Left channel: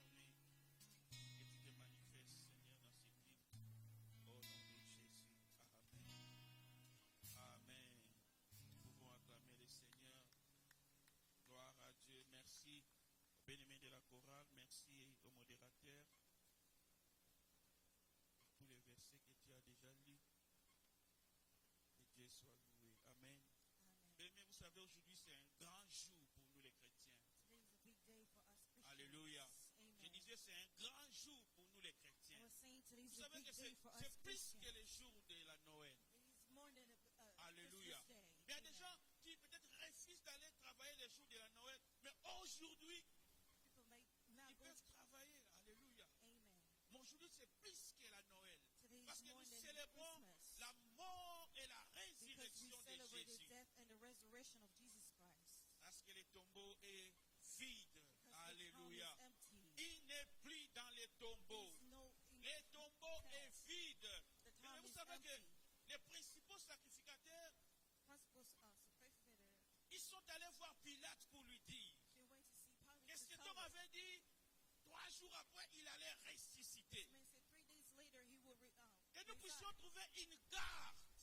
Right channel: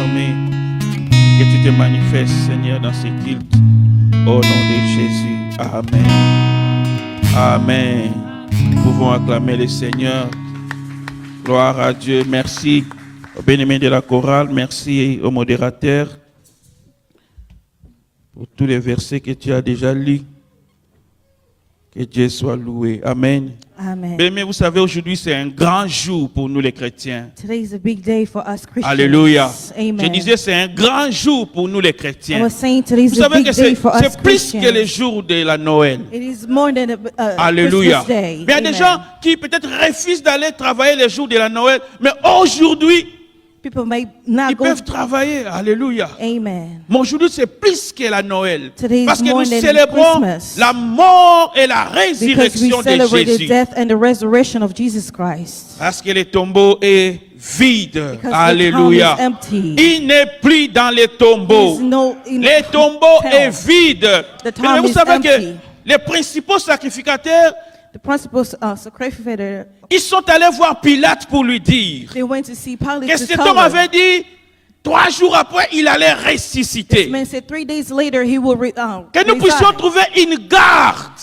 armées. Que tu te manifestes, Seigneur, dans ces cultes. Au nom de Jésus. Amen. Amen. Nous pouvons acclamer le Seigneur. Gloire à Dieu. Merci au bien-aimé de la chorale. Merci au modérateur pour tous les versets que tu as déjà lus. Que Dieu soit loué. Amen. Amen. Mais vous savez, aujourd'hui, c'est un grand jour pour nous les chrétiens. Today is a big day for us Christians. Alléluia. Amen. Je disais, c'est un grand jour pour nous les I chrétiens. was saying today Vous is a savez big que day for us c'est plus Christians. que le jour de la Noël. It is more than a Alléluia. Christmas day. Mais il y a des gens qui peut-être refusent d'aller travailler les jours de la Noël, mais aujourd'hui, People may not ils go. peuvent travailler. Alléluia. Amen. Mais aujourd'hui, c'est plus que la Noël. Today is Parce que more nous than célébrons Christmas. la mort et la Because we résurrection de celebrate the Jésus. death and the resurrection of Jesus Christ. Parce que le tombeau est vide. Because Alléluia. the tomb is empty. Il n'est plus dans les tombeaux. There is no in Le tombeau tomb. est vide. The Mais tomb vous is savez que empty. les principaux sacrificateurs, The principal sacrificator, ils sont allés voir Pilate pour lui dire they went to see Pilate que to cet tell homme him. avait dit 3 jours après, il allait This ressusciter. man said 3 days later he will Que nous puissions resign. trouver une garde.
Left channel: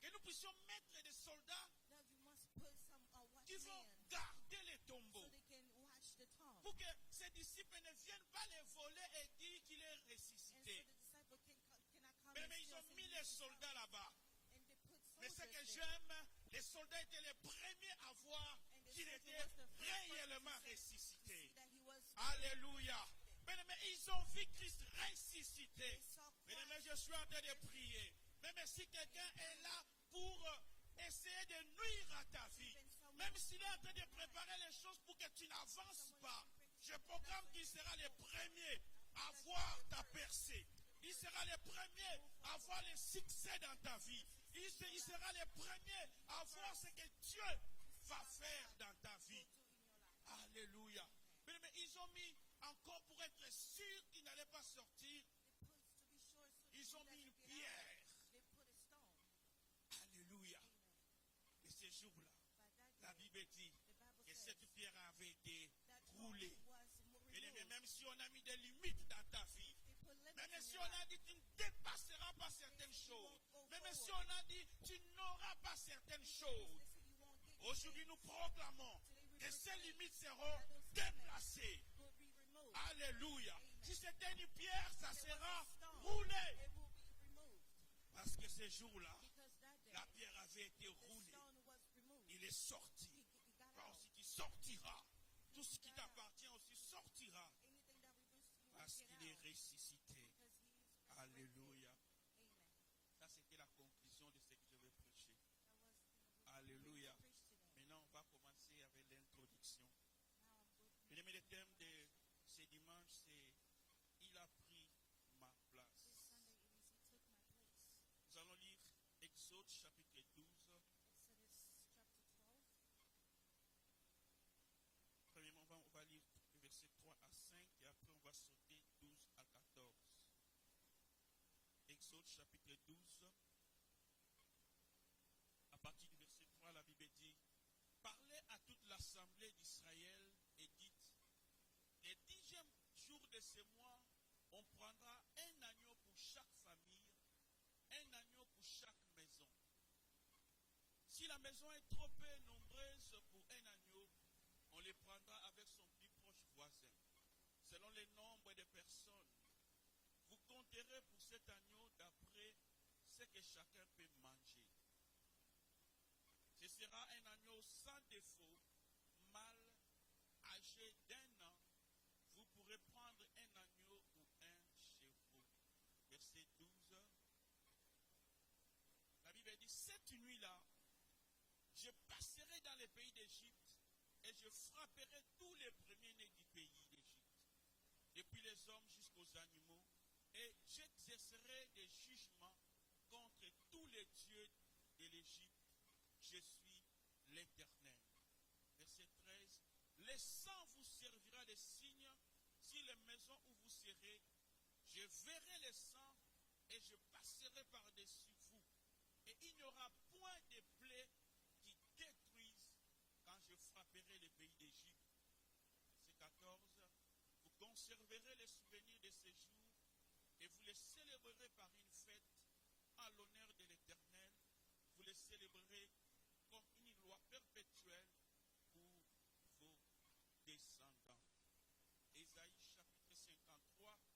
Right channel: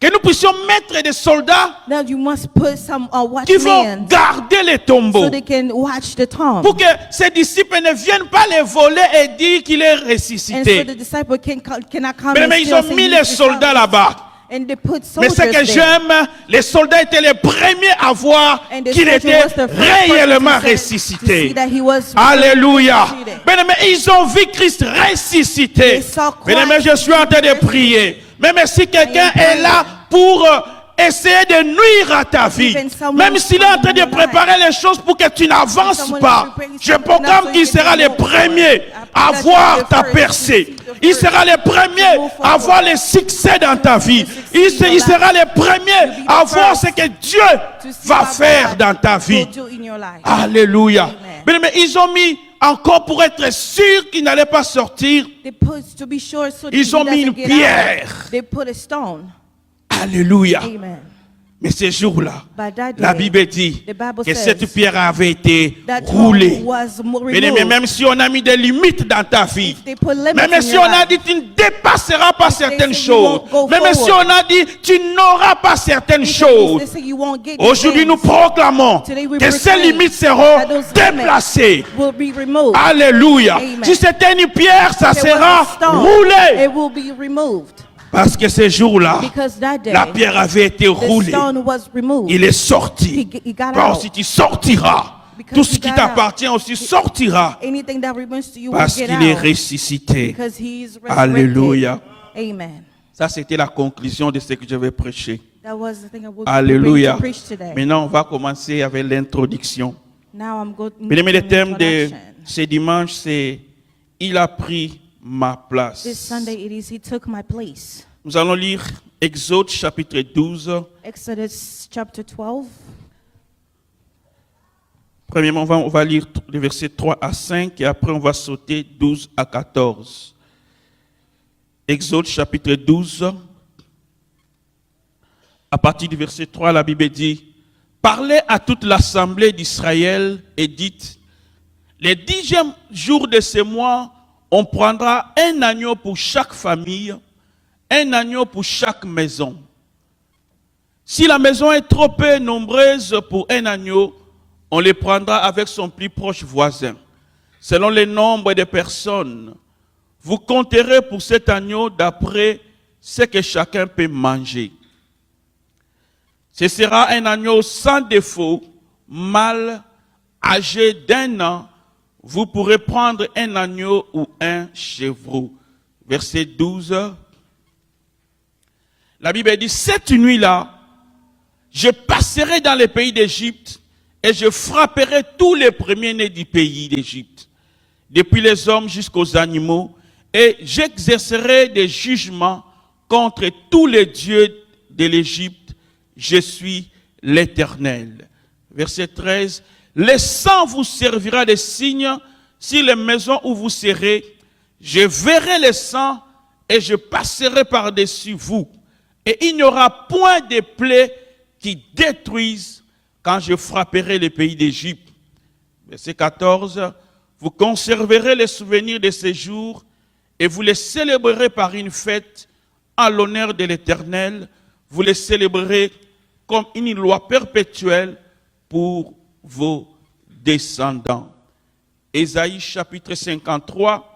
Que nous puissions mettre des soldats Now you must put some qui vont watchmen garder les tombeaux. so they can watch the tomb. Pour que ses disciples ne viennent pas les voler et dire qu'il est And so ressuscité. the disciple cannot come Mais and ils steal, ont say mis he's les soldats resurrected. là-bas. And they put Mais soldiers ce que there. j'aime, les soldats étaient les premiers à voir And the qu'il soldier était was the first person réellement to see ressuscité. that he was Alléluia. resurrected. Bien-aimés, ils ont vu Christ ressuscité. They saw Christ Bien-aimés, je suis en train de prier. Même si quelqu'un est là pour essayer de nuire à ta vie, même s'il est en train de préparer les choses pour que tu n'avances pas, je proclame qu'il sera le premier à voir ta percée. Il sera le premier à voir le succès dans ta vie. Il sera le premier à voir ce que Dieu va faire dans ta vie. will do in your life. Alléluia. Amen. Mais ils ont mis encore pour être sûr qu'il n'allait pas sortir. They put to be sure so that Ils he ont mis doesn't une get pierre. out. They put a stone. Alléluia. Amen. Mais ce jour-là, By that la day, Bible dit the Bible que says cette pierre avait été that roulée. tomb was Bien-aimé, removed. même si on a mis des limites dans ta vie, They put limits même in si your on a life. dit tu ne dépasseras pas If they certaines say you choses, won't go même si forward. on a dit tu n'auras pas certaines They choses, say you won't get these aujourd'hui nous things. proclamons Today we que ces proclaim limites seront that those déplacées. will be removed. Alléluia. Amen. Si c'était une pierre, ça If there was sera a stone, roulé. it will be removed. Parce que ce jour-là, Because that day, la pierre avait été the roulée. stone was removed. Il est sorti. He got Car out. si tu sortiras, Because tout he ce qui got t'appartient aussi sortira. Anything that remains to you Parce will get qu'il est out. ressuscité. Because he is resurrected. Alléluia. Amen. Ça, c'était la conclusion de ce que je vais prêcher. That was the thing I was Alléluia. to preach today. Maintenant, on va commencer avec l'introduction. Now I'm going Bien-aimé, le thème de introduction. ce dimanche, c'est « Il a pris ma This place Sunday it is He took my place. ». Nous allons lire Exode chapitre 12. Exodus chapter 12. Premièrement, on va lire les versets 3 à 5 et après on va sauter 12 à 14. Exode chapitre 12. À partir du verset 3, la Bible dit « Parlez à toute l'assemblée d'Israël et dites, les 10e jour de ce mois, on prendra un agneau pour chaque famille, un agneau pour chaque maison. Si la maison est trop peu nombreuse pour un agneau, on le prendra avec son plus proche voisin. Selon le nombre de personnes, vous compterez pour cet agneau d'après ce que chacun peut manger. Ce sera un agneau sans défaut, mâle, âgé d'1 an. Vous pourrez prendre un agneau ou un chevreau. Verset 12. La Bible dit, cette nuit-là, je passerai dans le pays d'Égypte et je frapperai tous les premiers-nés du pays d'Égypte, depuis les hommes jusqu'aux animaux, et j'exercerai des jugements contre tous les dieux de l'Égypte. Je suis l'Éternel. Verset 13. Le sang vous servira de signe sur les maisons où vous serez. Je verrai le sang et je passerai par-dessus vous. Et il n'y aura point de plaies qui détruisent quand je frapperai le pays d'Égypte. Verset 14. Vous conserverez les souvenirs de ces jours et vous les célébrerez par une fête en l'honneur de l'Éternel. Vous les célébrerez comme une loi perpétuelle pour vos descendants. Ésaïe chapitre 53.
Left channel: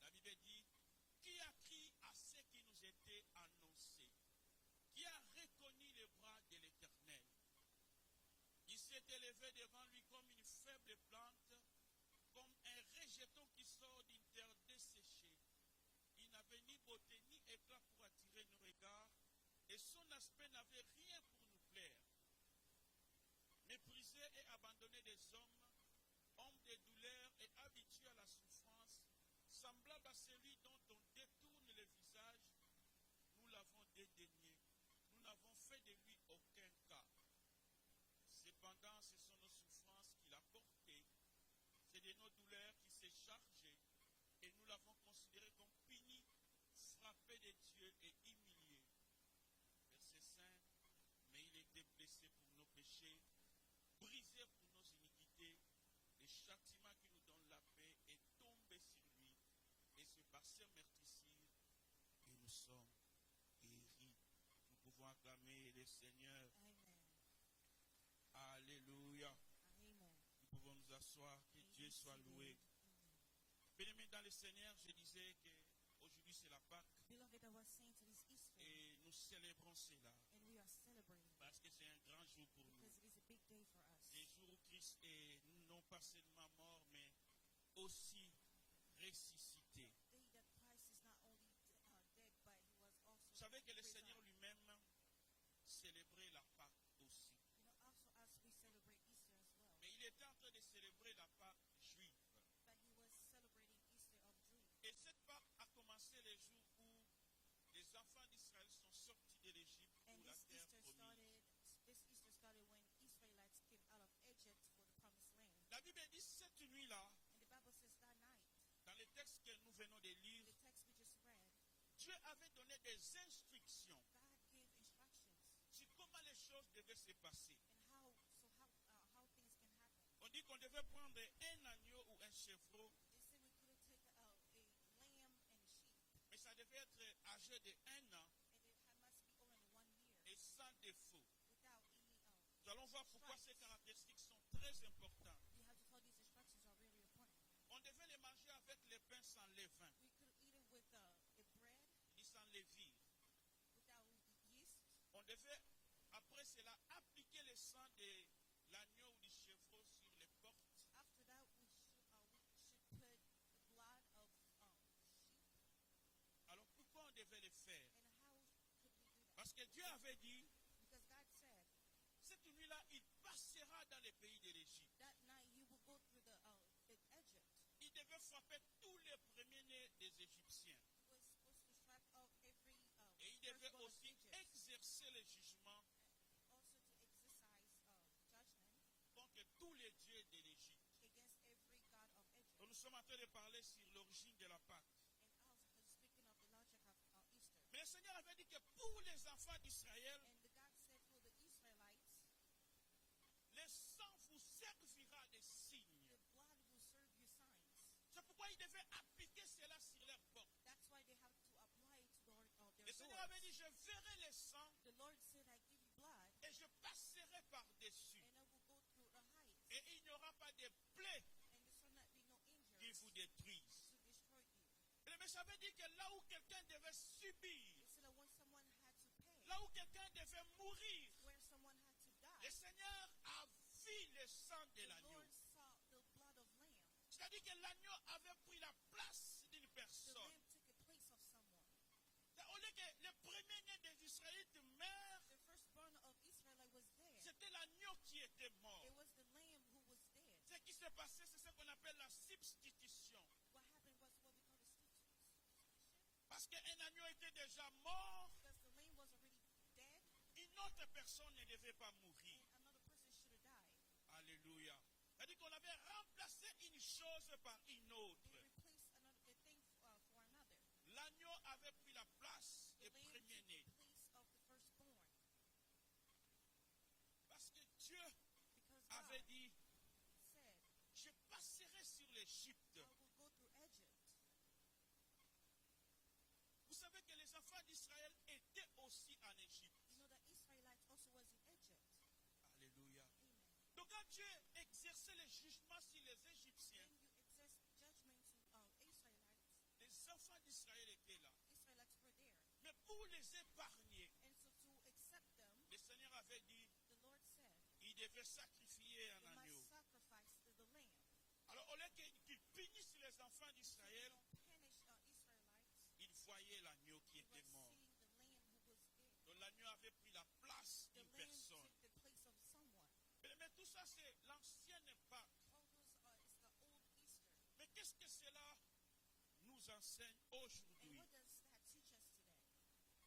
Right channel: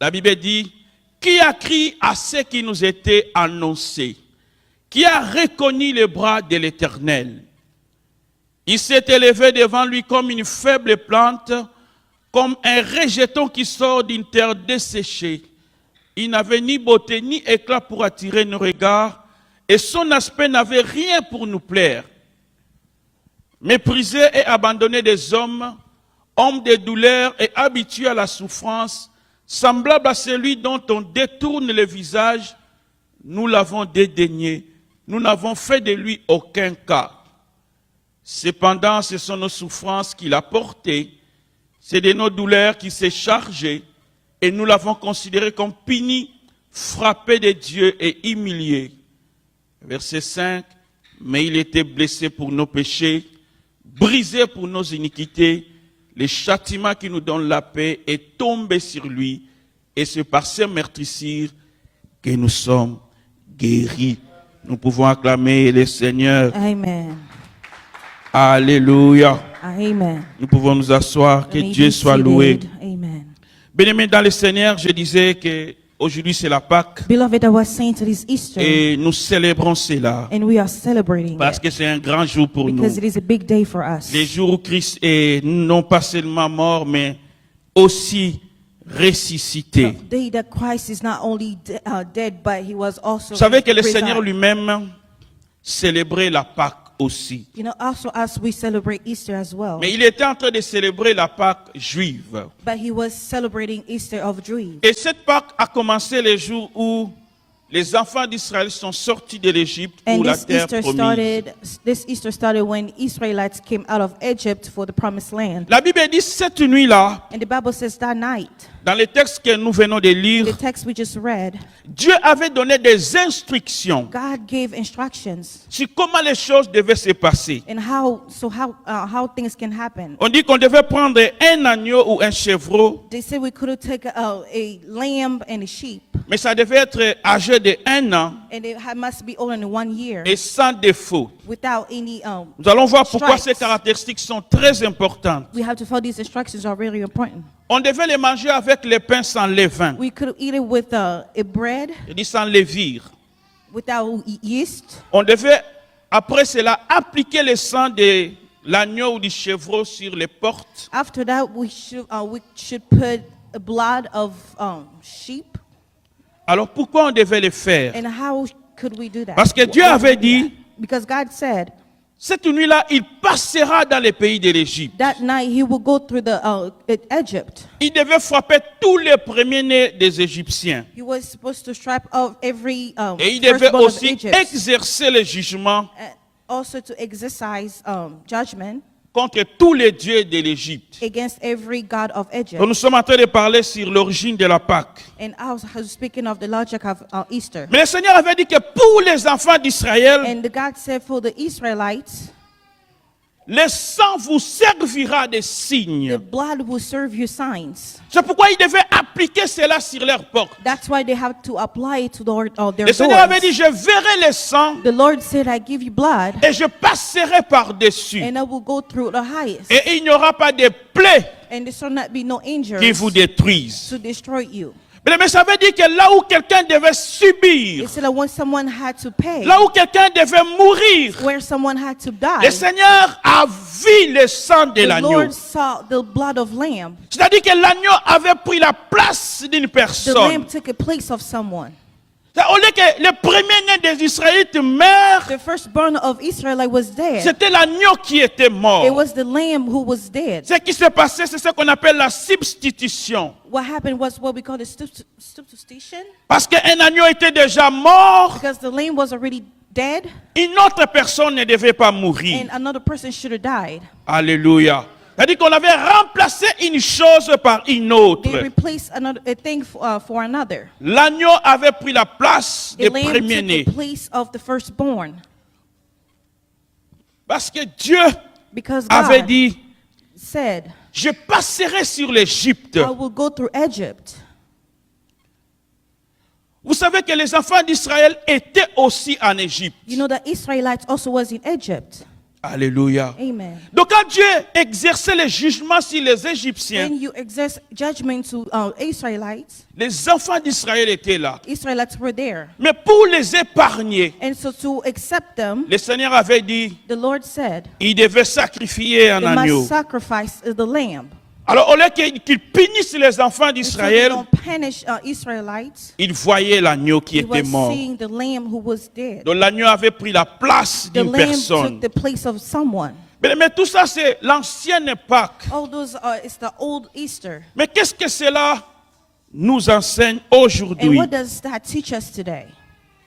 La Bible dit, qui a crié à ce qui nous était annoncé? Qui a reconnu les bras de l'Éternel? Il s'est élevé devant lui comme une faible plante, comme un rejeton qui sort d'une terre desséchée. Il n'avait ni beauté ni éclat pour attirer nos regards, et son aspect n'avait rien pour nous plaire. Méprisé et abandonné des hommes, homme de douleur et habitué à la souffrance, semblable à celui dont on détourne le visage, nous l'avons dédaigné, nous n'avons fait de lui aucun cas. Cependant, ce sont nos souffrances qu'il a portées, c'est de nos douleurs qu'il s'est chargé, et nous l'avons considéré comme puni, frappé de Dieu et humilié. Verset 5, mais il était blessé pour nos péchés, brisé pour nos iniquités, le châtiment qui nous donne la paix est tombé sur lui, et c'est par ses meurtrissures que nous sommes guéris. Nous pouvons acclamer le Seigneur. Amen. Alléluia. Amen. Nous pouvons nous asseoir, que May Dieu be soit seated. loué. Amen. Bien-aimés dans le Seigneur, je disais qu'aujourd'hui c'est la Pâque Beloved, I was saying it is Easter, et nous célébrons cela and we are celebrating parce it que c'est un grand jour pour nous. because it is a big day for us. Les jours où Christ est non pas seulement mort, mais aussi ressuscité. The day that Christ is not only dead, but he was also Vous savez que le risen. Seigneur lui-même célébrait la Pâque aussi. You know, also as we celebrate Easter as well. Mais il était en train de célébrer la Pâque juive. But he was celebrating Easter of Jews. Et cette Pâque a commencé le jour où les enfants d'Israël sont sortis de l'Égypte pour And la terre promise. this Easter started when Israelites came out of Egypt for the promised land. La Bible dit cette nuit-là, And the Bible says that night, dans le texte que nous venons de the lire, text we just read, Dieu avait donné des instructions God gave instructions sur comment les choses devaient se passer. and how things can happen. On dit qu'on devait prendre un agneau ou un chevreau, They said we could take a lamb and a sheep, mais ça devait être âgé de 1 an and it must be older than 1 year et sans défaut. without any. Nous allons voir pourquoi ces stripes. caractéristiques sont très importantes. We have to follow these instructions are really important. On devait les manger avec les pains sans levain. We could eat it with a bread Je dis sans levure. without yeast. On devait, après cela, appliquer le sang de l'agneau ou du chevreau sur les portes. After that, we should put the blood of sheep. Alors pourquoi on devait le faire? And how could we do that? Parce que Dieu Why would avait we do dit, that? Because God said cette nuit-là, il passera dans les pays de l'Égypte. that night he will go through the Egypt. Il devait frapper tous les premiers-nés des Égyptiens. He was supposed to strip off every Et il devait firstborn of aussi Egypt, exercer le jugement and also to exercise judgment contre tous les dieux de l'Égypte. against every god of Egypt. Donc nous sommes en train de parler sur l'origine de la Pâque. And I was speaking of the logic of Easter. Mais le Seigneur avait dit que pour les enfants d'Israël, And the God said for the Israelites, le sang vous servira de signe. the blood will serve you signs. C'est pourquoi ils devaient appliquer cela sur leurs portes. That's why they have to apply it to their Le Seigneur avait dit, doors. je verrai le sang The Lord said, I give you blood, et je passerai par-dessus. and I will go through the highest. Et il n'y aura pas de plaies And there shall not be no qui injuries vous détruisent. to destroy you. Mais ça veut dire que là où quelqu'un devait subir, It said that when someone had to pay, là où quelqu'un devait mourir, where someone had to le die, Seigneur a vu le sang de the l'agneau. Lord saw the blood of lamb. C'est-à-dire que l'agneau avait pris la place d'une The personne. lamb took a place of someone. Au lieu que le premier-né des Israélites meure, The firstborn of Israelite was dead. c'était l'agneau qui était It mort. was the lamb who was dead. Ce qui s'est passé, c'est ce qu'on appelle la substitution. What happened was what we call the substitution. Parce qu'un agneau était déjà mort, Because the lamb was already dead, une autre personne ne devait pas mourir. and another person should have died. Alléluia. C'est-à-dire qu'on avait remplacé une chose par une autre. They replaced a thing for another. L'agneau avait pris la place The des lamb took premiers-nés. the place of the firstborn. Parce que Dieu Because avait God dit, said, je passerai sur l'Égypte. I will go through Egypt. Vous savez que les enfants d'Israël étaient aussi en Égypte. You know the Israelites also was in Egypt. Alléluia. Amen. Donc quand Dieu exerçait le jugement sur les Égyptiens, When you exert judgment to Israelites, les enfants d'Israël étaient là. Israelites were there. Mais pour les épargner, And so to accept them, le Seigneur avait dit, the Lord said, il devait sacrifier un they agneau. must sacrifice the lamb. Alors au lieu qu'ils punissent les enfants And so they d'Israël, don't punish Israelites. ils voyaient l'agneau qui He était was mort. seeing the lamb who was dead. Donc l'agneau avait pris la place The d'une lamb personne. took the place of someone. Mais tout ça, c'est l'ancienne Pâque. All those it's the old Easter. Mais qu'est-ce que cela nous enseigne And aujourd'hui? what does that teach us today?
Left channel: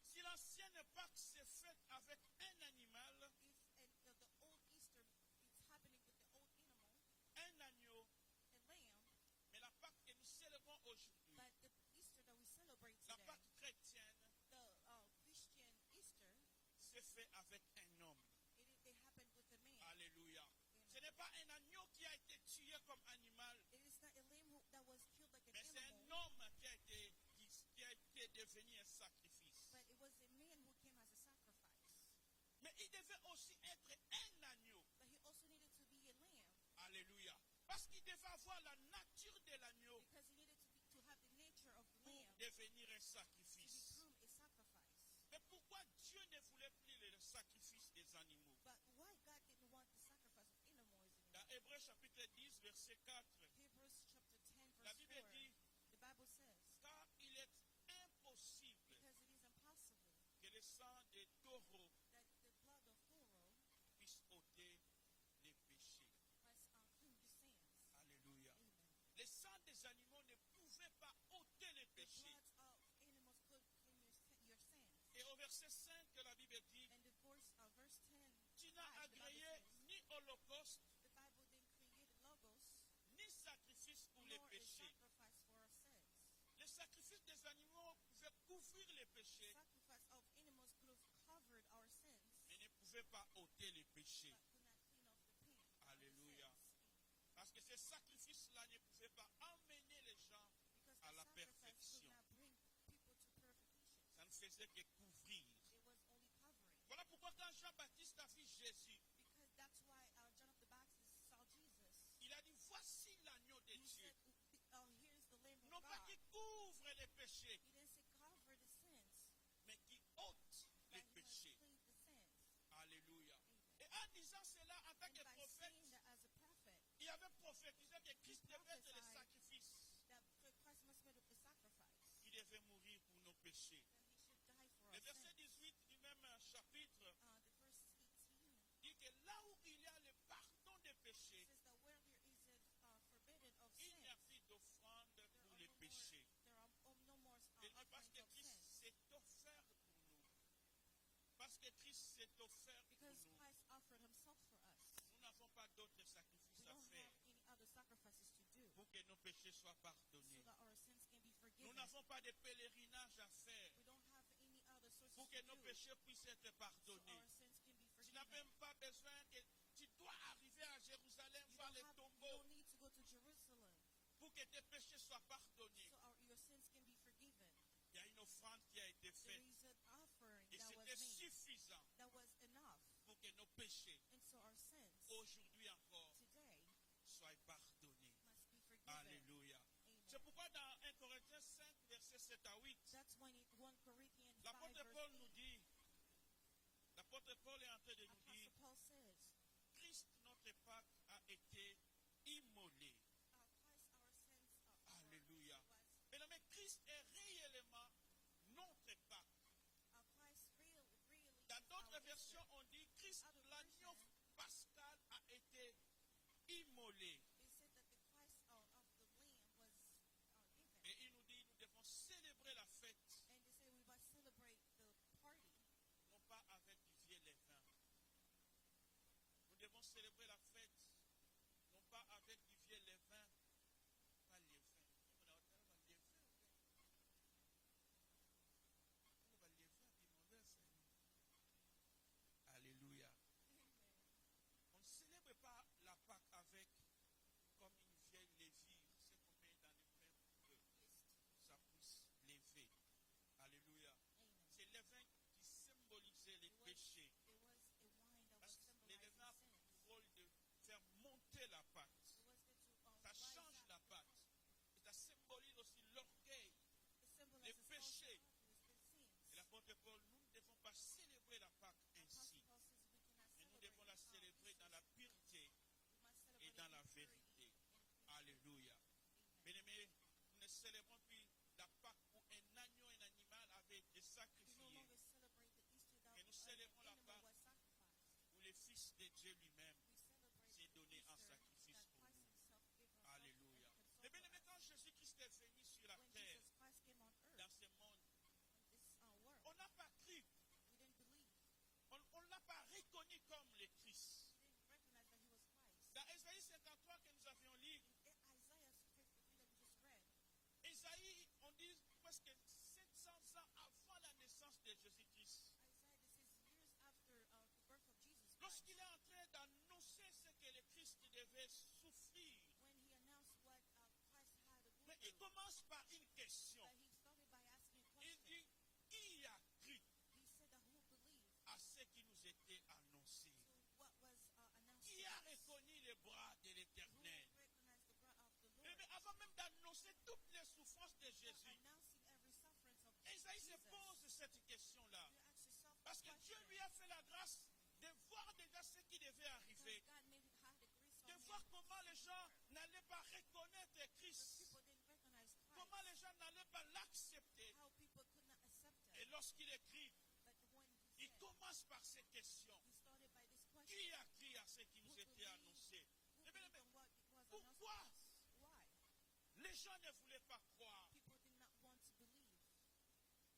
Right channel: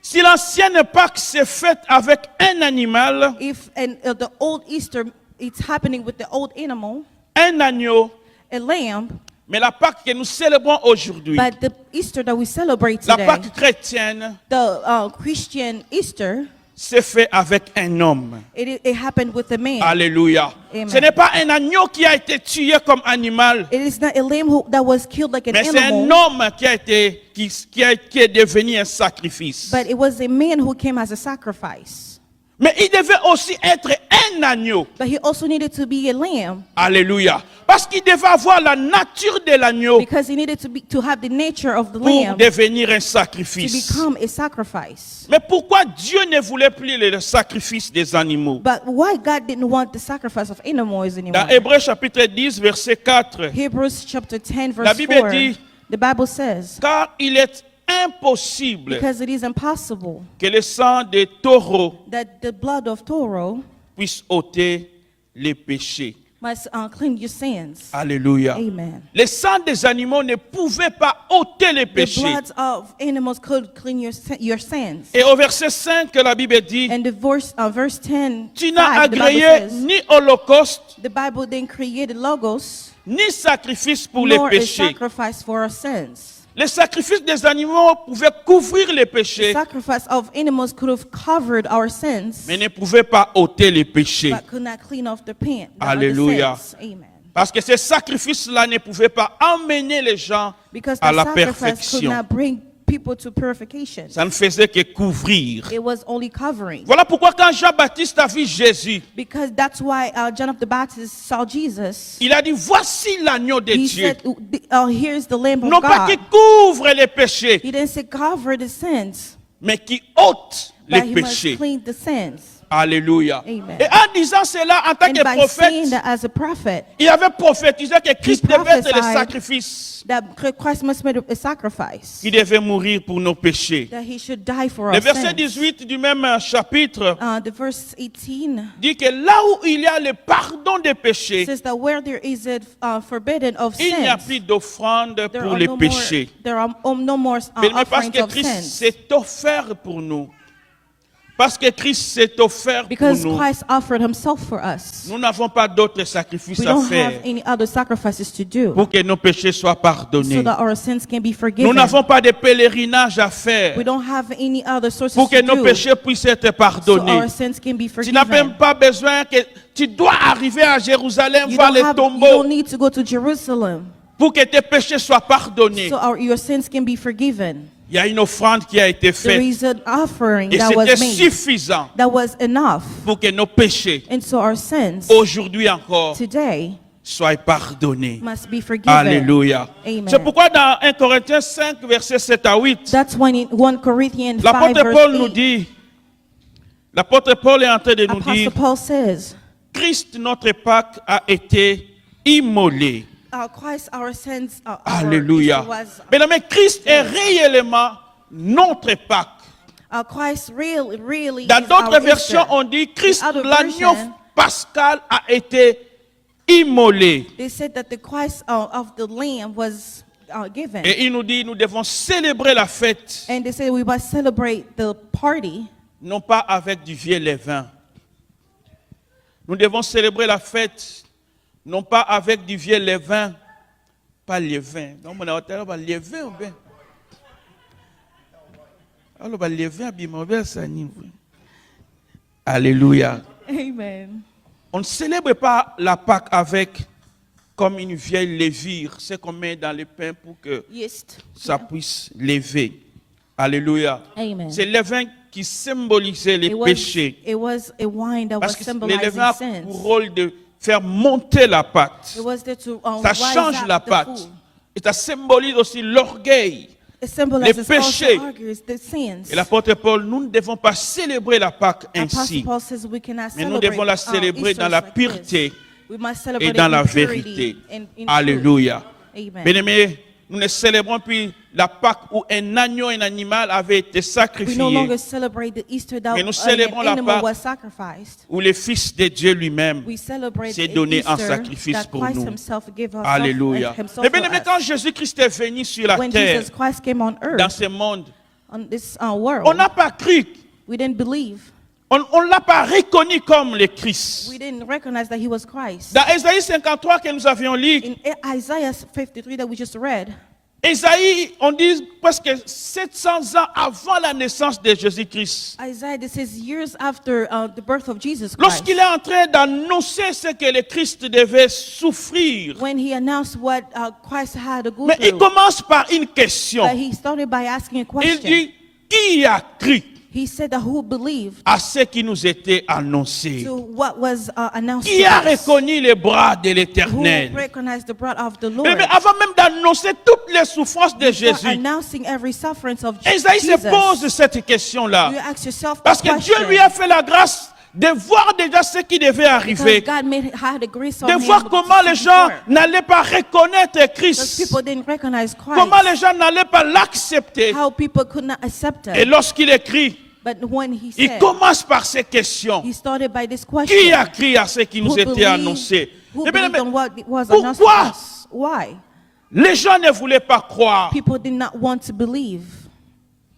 Si l'ancienne Pâque s'est faite avec un animal, If the old Easter, it's happening with the old animal, un agneau, a lamb, mais la Pâque que nous célébrons aujourd'hui, but the Easter that we celebrate la today, Pâque chrétienne, the Christian Easter, s'est fait avec un homme. it happened with a man. Alléluia. Amen. Ce n'est pas un agneau qui a été tué comme animal, It is not a lamb that was killed like an mais c'est un animal, homme qui est devenu un sacrifice. but it was a man who came as a sacrifice. Mais il devait aussi être un agneau. But he also needed to be a lamb Alléluia. Parce qu'il devait avoir la nature de l'agneau because he needed to have the nature of the pour lamb devenir un to sacrifice. become a sacrifice. Mais pourquoi Dieu ne voulait plus le sacrifice des animaux? But why God didn't want the sacrifice of animals anymore? Dans Hébreux chapitre 10, verset 4, Hebrews chapter 10 La verse Bible 4, dit, the Bible says, car il est impossible because it is impossible que le sang des taureaux that the blood of Toro puisse ôter les péchés. must clean your sins. Alléluia. Amen. Le sang des animaux ne pouvait pas ôter les The péchés. blood of animals could clean your sins. Et au verset 5, la Bible dit, And the verse 10, tu n'as 5, the Bible agréé says, ni holocauste, the Bible then created logos, ni sacrifice pour les nor a péchés. sacrifice for our sins. Les sacrifices des animaux pouvaient couvrir les The péchés, sacrifice of animals could have covered our sins, mais ne pouvaient pas ôter les péchés. but could not clean off the pain. Alléluia. Amen. Parce que ces sacrifices-là ne pouvaient pas emmener les gens Because à the la sacrifice could perfection. not bring people to purification. Ça ne faisait que couvrir. It was only covering. Voilà pourquoi quand Jean-Baptiste a vu Jésus, Because that's why John of the Baptist saw Jesus. il a dit, voici l'agneau de He Dieu. said, here's the Lamb of Non pas qui God. couvre les péchés, He didn't say cover the sins, mais qui ôte les but he must péchés. clean the sins. Alléluia. Amen. Et en disant cela, en tant And que by prophète, saying that as a prophet, il avait prophétisé que Christ devait être le prophesied sacrifice. that Christ must make a sacrifice, Il devait mourir pour nos péchés. that he should die for Le our verset sins. 18 du même chapitre The verse 18 dit que là où il y a le pardon des péchés, says that where there is a forbidden of il n'y a sins, plus d'offrande there pour are les no more, péchés. there are no more Mais parce offerings que of Christ sins. s'est offert pour nous. Parce que Christ s'est offert pour Because nous. Christ offered himself for us. Nous n'avons pas d'autres sacrifices We à don't faire have any other sacrifices to do pour que nos péchés soient so pardonnés. that our sins can be Nous forgiven. n'avons pas de pèlerinage à faire We don't have any other sources pour que to nos do péchés puissent être so pardonnés. our sins can be Tu n'as même forgiven. pas besoin que tu dois arriver à Jérusalem You voir les you tombeaux don't need to go to Jerusalem pour que tes péchés soient pardonnés. so your sins can be forgiven. Il y a une offrande qui a été There faite is an offering et that c'était was made suffisant that was enough. pour que nos péchés, And so our sins aujourd'hui encore, today soient pardonnés. must be forgiven. Alléluia. Amen. C'est pourquoi dans 1 Corinthiens 5, versets 7 à 8, That's when in 1 Corinthians 5 l'apôtre verse Paul nous 8, dit, l'apôtre Paul est en train de nous Apostle dire, Paul says, Christ, notre Pâque, a été immolé. Christ, our sins, our Alléluia. Easter was, Mesdames, Christ est réellement notre Pâque. Christ really Dans is d'autres our versions, Easter. on dit Christ, In other l'agneau version, pascal, a été immolé. They said that the Christ of the Lamb was given. Et il nous dit, nous devons célébrer la fête, And they said we must celebrate the party, non pas avec du vieux levain. Nous devons célébrer la fête, non pas avec du vieux levain, pas levain. Donc, on a un levain ou bien? Alors, levain, Alléluia. Amen. On ne célèbre pas la Pâque avec comme une vieille levure, c'est qu'on met dans le pain pour que Yeast. ça puisse lever. Alléluia. Amen. C'est le levain qui symbolisait les It péchés. was a wine that Parce was que le levain a symbolizing pour sins. rôle de faire monter la pâte. It was there to Ça rise change up la the pâte. food. Et ça symbolise aussi l'orgueil. It symbolizes Les péchés. also argues the sins. Et l'apôtre Paul, nous ne devons pas célébrer la Pâque Apostle ainsi. Paul says we cannot Mais nous celebrate, devons la célébrer Easter dans la like pureté this. We must celebrate et dans it la in purity vérité. and in Alléluia. truth. Amen. Bien-aimés, nous ne célébrons plus la Pâque où un agneau et un animal avaient été We no sacrifiés, longer celebrate the Easter that Mais nous an célébrons la animal Pâque was sacrificed. où le Fils de Dieu lui-même We celebrate s'est the donné en Easter sacrifice that pour Christ nous. himself gave us Alléluia. himself Mais for bien-aimés, us. quand Jésus-Christ est venu sur la When terre, Jesus Christ came on dans earth, ce monde, on this world, on n'a pas cru, we didn't believe. on ne l'a pas reconnu comme le Christ. We didn't recognize that he was Christ. Dans Ésaïe 53 que nous avions lu, In Isaiah 53 that we just read, Ésaïe, on dit presque 700 ans avant la naissance de Jésus-Christ. Isaiah, this is years after the birth of Jesus Christ. Lorsqu'il est en train d'annoncer ce que le Christ devait souffrir, When he announced what Christ had to go mais il through, commence par une question. but he started by asking a Il question. dit, qui a cru He said that who believed à ce qui nous était annoncé? to what was announced Qui to a us? reconnu les bras de Who l'Éternel? recognized the blood of the Mais, Lord? mais avant même d'annoncer toutes les souffrances de For Jésus, announcing every sufferance of Ésaïe se Jesus, pose cette question-là. you ask yourself the Parce que Dieu question. lui a fait la grâce de voir déjà ce qui devait Because arriver. God had a grace on De him voir comment les gens before. n'allaient pas reconnaître Because Christ. people didn't recognize Christ. Comment les gens n'allaient pas l'accepter. How people could not accept Et him. lorsqu'il écrit, But when he il said, commence par ces questions. he started by this Qui question. a cru à ce qui nous Who était believed- annoncé? Who Eh bien, believed on what was pourquoi? announced to us? Why? Les gens ne voulaient pas croire. People did not want to believe.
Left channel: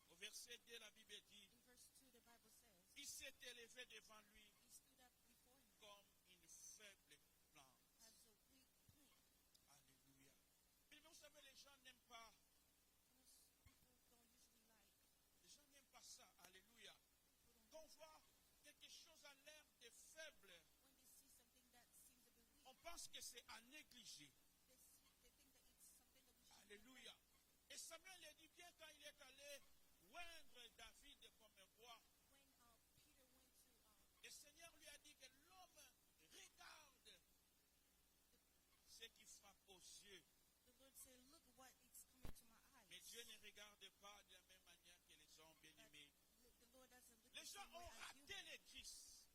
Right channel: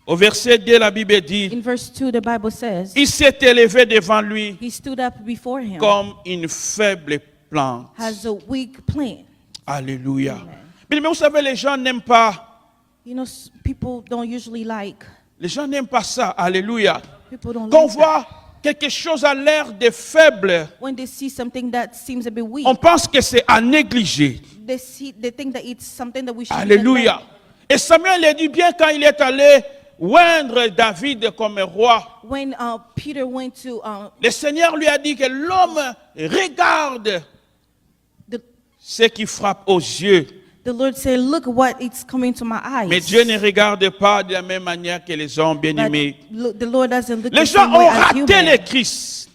Au verset 2, la Bible dit, In verse 2, the Bible says, il s'est élevé devant lui he stood up before him comme une faible plante. as a weak plant. Alléluia. Amen. Mais vous savez, les gens n'aiment pas. You know, people don't usually like. Les gens n'aiment pas ça. Alléluia. People don't Qu'on like that. voit quelque chose à l'air de faible, When they see something that seems a bit weak, on pense que c'est à négliger. they think that it's something that we should Alléluia. Et Samuel le dit bien quand il est allé oindre David comme roi. When Peter went to Le Seigneur lui a dit que l'homme regarde the ce qui frappe aux yeux. Lord said, "Look what it's coming to my eyes." Mais Dieu ne regarde pas de la même manière que les hommes But bien-aimés. the Lord doesn't look Les the gens same way ont as raté human. le Christ.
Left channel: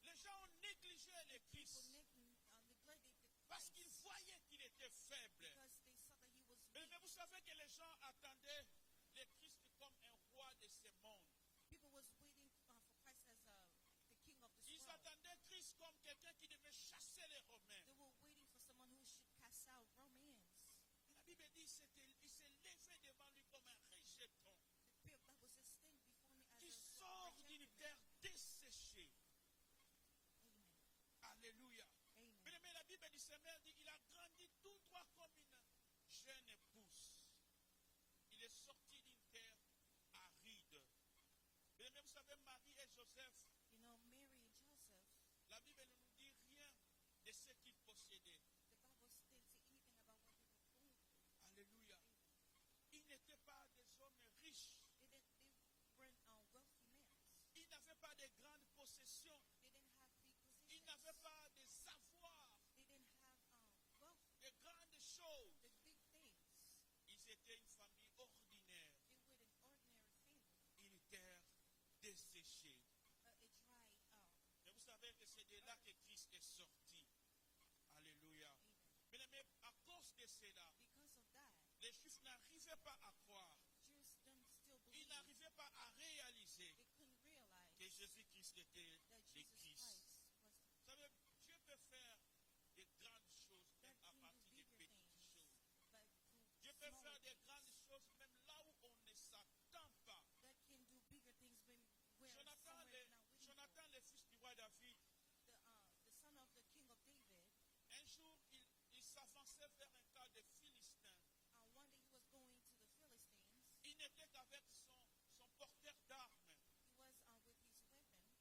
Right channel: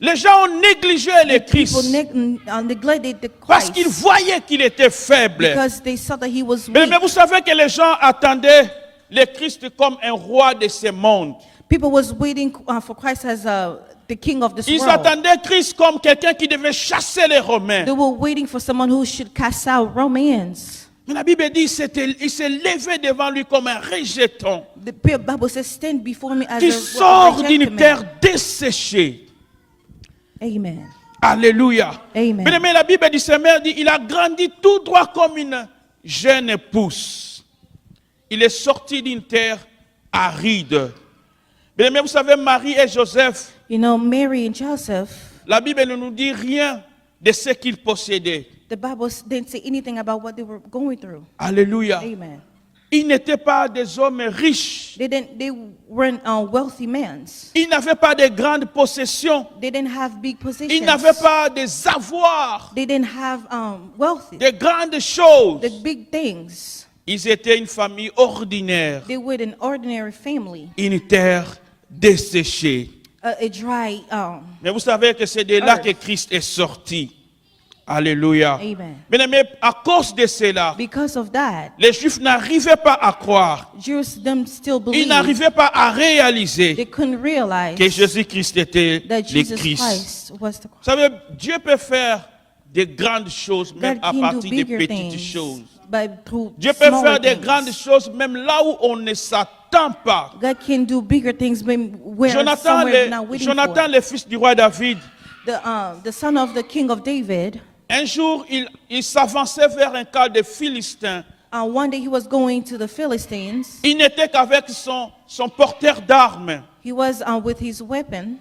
Les gens ont négligé le Christ People neglected the parce Christ qu'ils voyaient qu'il était faible. because they saw that he was Mais weak. vous savez que les gens attendaient le Christ comme un roi de ce monde. People was waiting for Christ as the king of this Ils world. attendaient Christ comme quelqu'un qui devait chasser les Romains. They were waiting for someone who should cast out Romans. Mais la Bible dit il s'est levé devant lui comme un rejeton The Bible says, "Stand before me as qui a sort rejected d'une man." terre desséchée. Amen. Alléluia. Amen. Mais la Bible dit, sa mère dit, il a grandi tout droit comme une jeune pousse. Il est sorti d'une terre aride. Mais vous savez, Marie et Joseph, You know, Mary and Joseph, la Bible ne nous dit rien de ce qu'ils possédaient. the Bible didn't say anything about what they were going through. Alléluia. Amen. Ils n'étaient pas des hommes riches. They weren't wealthy men. Ils n'avaient pas de grandes possessions. They didn't have big Ils positions. n'avaient pas des avoirs, They didn't have wealthy, de grandes choses. the big things. Ils étaient une famille ordinaire, They were an ordinary family, une terre desséchée. a dry. Mais vous savez que c'est de là Earth. que Christ est sorti. Alléluia. Amen. Mais à cause de cela, Because of that, les Juifs n'arrivaient pas à croire. Jews them still Ils believed. n'arrivaient pas à They réaliser couldn't realize que Jésus-Christ était that le Jesus Christ. Christ was the Vous savez, Dieu peut faire de grandes choses, même God à can do partir de bigger petites things, choses. but through Dieu peut smaller faire de things. grandes choses, même là où on ne s'attend pas. God can do bigger things when where somewhere not waiting Jonathan, for. le fils du roi David, The son of the king of David, un jour, il s'avançait vers un camp de Philistins. one day he was going to the Philistines. Il n'était qu'avec son porteur d'armes. He was with his weapon.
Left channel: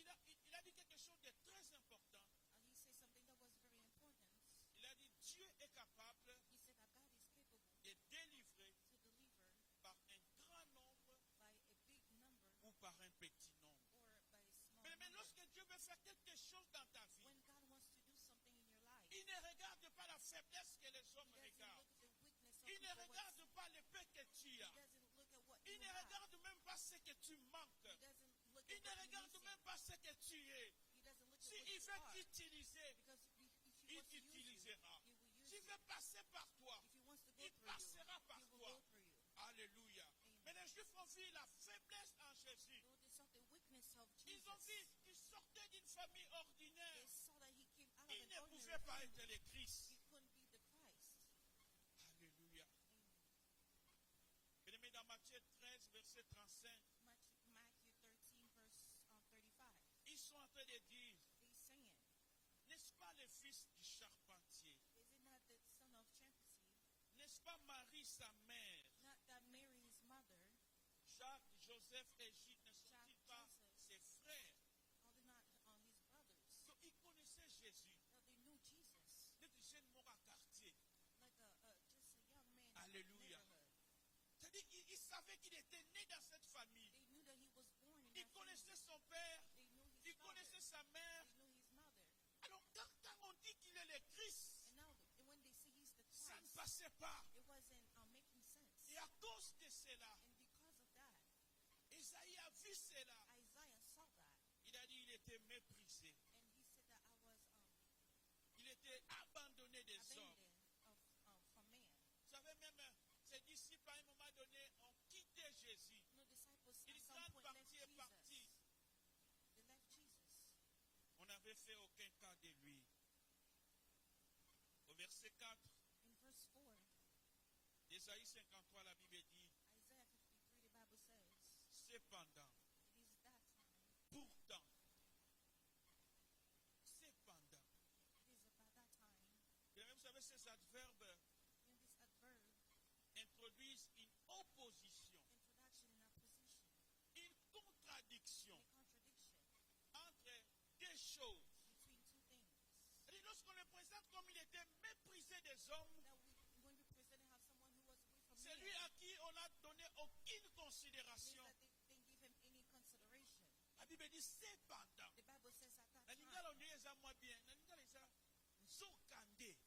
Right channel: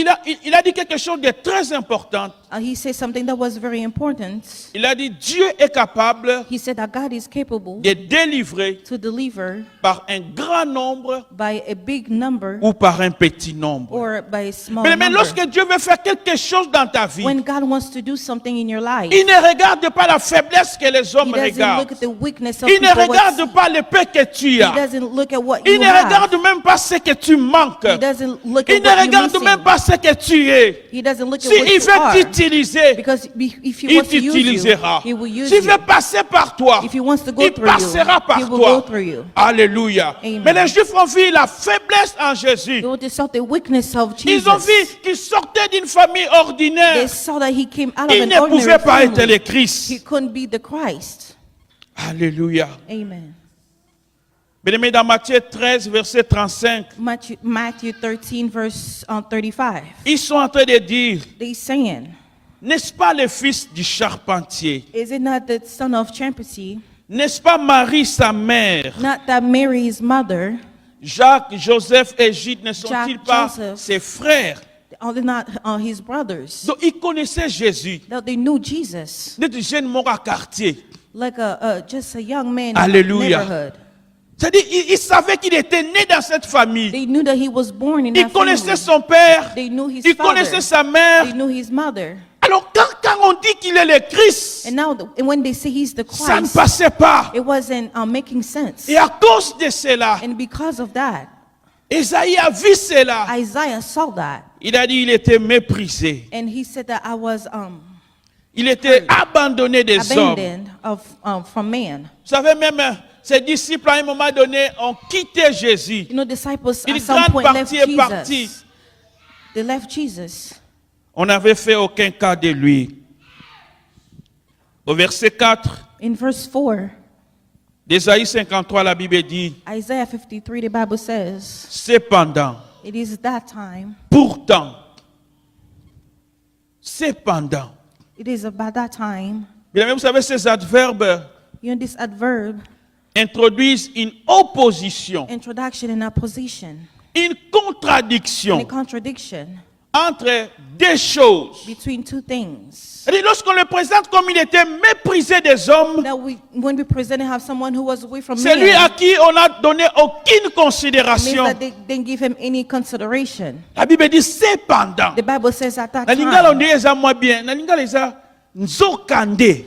il a dit quelque chose de très important. He said something that was very important. Il a dit, Dieu est capable He said that God is capable de délivrer to deliver par un grand nombre by a big number ou par un petit nombre. or by a small Mais number. lorsque Dieu veut faire quelque chose dans ta vie, When God wants to do something in your life, il ne regarde pas la faiblesse que les He hommes doesn't regardent. look at the weakness of Il ne people. regarde pas le peu que tu He as. doesn't look at what Il you ne have. regarde même pas ce que tu manques. He doesn't look Il at ne what you're regarde même missing. pas ce que tu es. He doesn't look at Si what il you veut are. t'utiliser, Because if He il wants to use you, t'utilisera. He will use S'il you. veut passer par toi, If He wants to go il through you, passera par He will toi. go through you. Alléluia. Amen. Mais les Juifs ont vu la faiblesse en Jésus. They want to saw the weakness of Ils ont Jesus. vu qu'il sortait d'une famille They ordinaire. saw that He came out of Il an ne pouvait ordinary pas être le family. He Christ. couldn't be the Christ. Alléluia. Amen. Bien-aimé, dans Matthieu 13, verset 35, Matthew 13, verse 35. ils sont en train de dire, They saying, n'est-ce pas le fils du charpentier? is it not the son of Champasy? N'est-ce pas Marie, sa mère? Not that Mary, his mother, Jacques, Joseph et Jude ne sont-ils Jack, pas Joseph. ses frères? are they not his brothers? Donc, ils connaissaient Jésus. That they knew Jesus, Des jeunes morts à quartier. like just a young man Alléluia. in the neighborhood. C'est-à-dire, ils savaient qu'il était né dans cette famille. They knew that he was born in Ils that connaissaient family. son père. They knew his Ils father. connaissaient sa mère. They knew his mother. Alors, quand on dit qu'il est le Christ, And now, and when they say he's the ça ne Christ, passait pas. it wasn't making sense. Et à cause de cela, And because of that, Esaïe a vu cela. Isaiah saw that, Il a dit qu'il était méprisé. and he said that I was Il était abandonné des hommes. abandoned from man. Vous savez, même ses disciples, à un moment donné, ont quitté Jésus. You know, disciples Une at some grande point left partie est partie. Jesus. They left Jesus. On n'avait fait aucun cas de lui. Au verset 4 In verse 4, d'Ésaïe 53, la Bible dit, Isaiah 53, the Bible says, cependant, it is that time, pourtant, cependant. it is about that time. Bien, vous savez, ces adverbes You know, this adverb, introduisent une opposition, introduction and opposition, une and contradiction a contradiction entre deux choses. between two things. C'est-à-dire, lorsqu'on le présente comme il était méprisé des hommes, That when we present and have someone who was away from c'est lui à man, qui on n'a donné aucune means considération. that they didn't give him any consideration. La Bible dit cependant. The Bible says at that Na lingala on time, dit eza moi bien. Na lingala eza nzokande.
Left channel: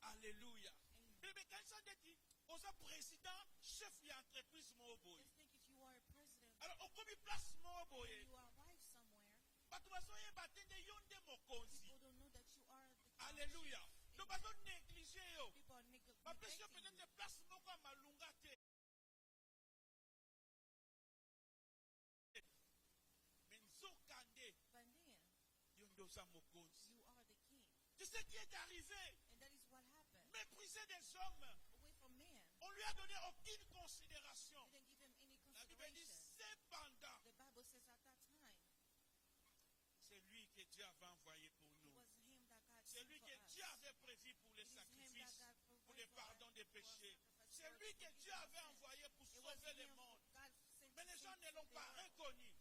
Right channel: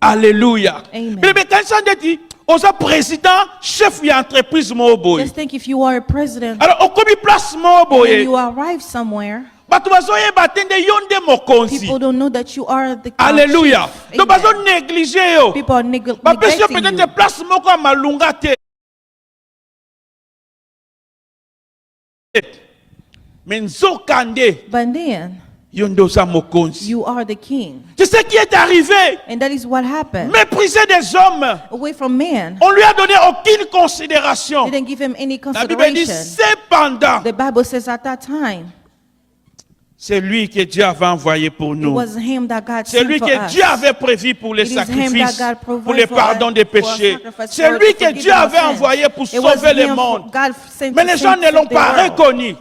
Alléluia. Amen. Mais quand ça dit, oza président, chef d'entreprise mo boy. just think if you are a president Alors on komi place mo and boy. you arrive somewhere, Bato bazoye batende yonde mokonzi. people don't know that you are the Alléluia. chief. Donc Amen. bazo négliger yo. People are Ba pesio neglecting you. peut-être place moko ya malunga te. Mais nzokande But then, yonde oza mokonzi. you are the king. C'est ce qui est arrivé. And that is what happened. Mépriser des hommes. Away from man, On lui a donné aucune considération. they didn't give him any La Bible dit consideration. cependant, The Bible says at that time, c'est lui que Dieu avait envoyé pour it nous. was him that God C'est sent lui for que us. Dieu avait prévu pour les It is him sacrifices, that God provided pour le for pardon us, des for a péchés. sacrifice, C'est for lui the que forgiveness Dieu of avait sin. envoyé pour It was sauver le him monde. God sent Mais to les gens ne l'ont save the pas world. reconnu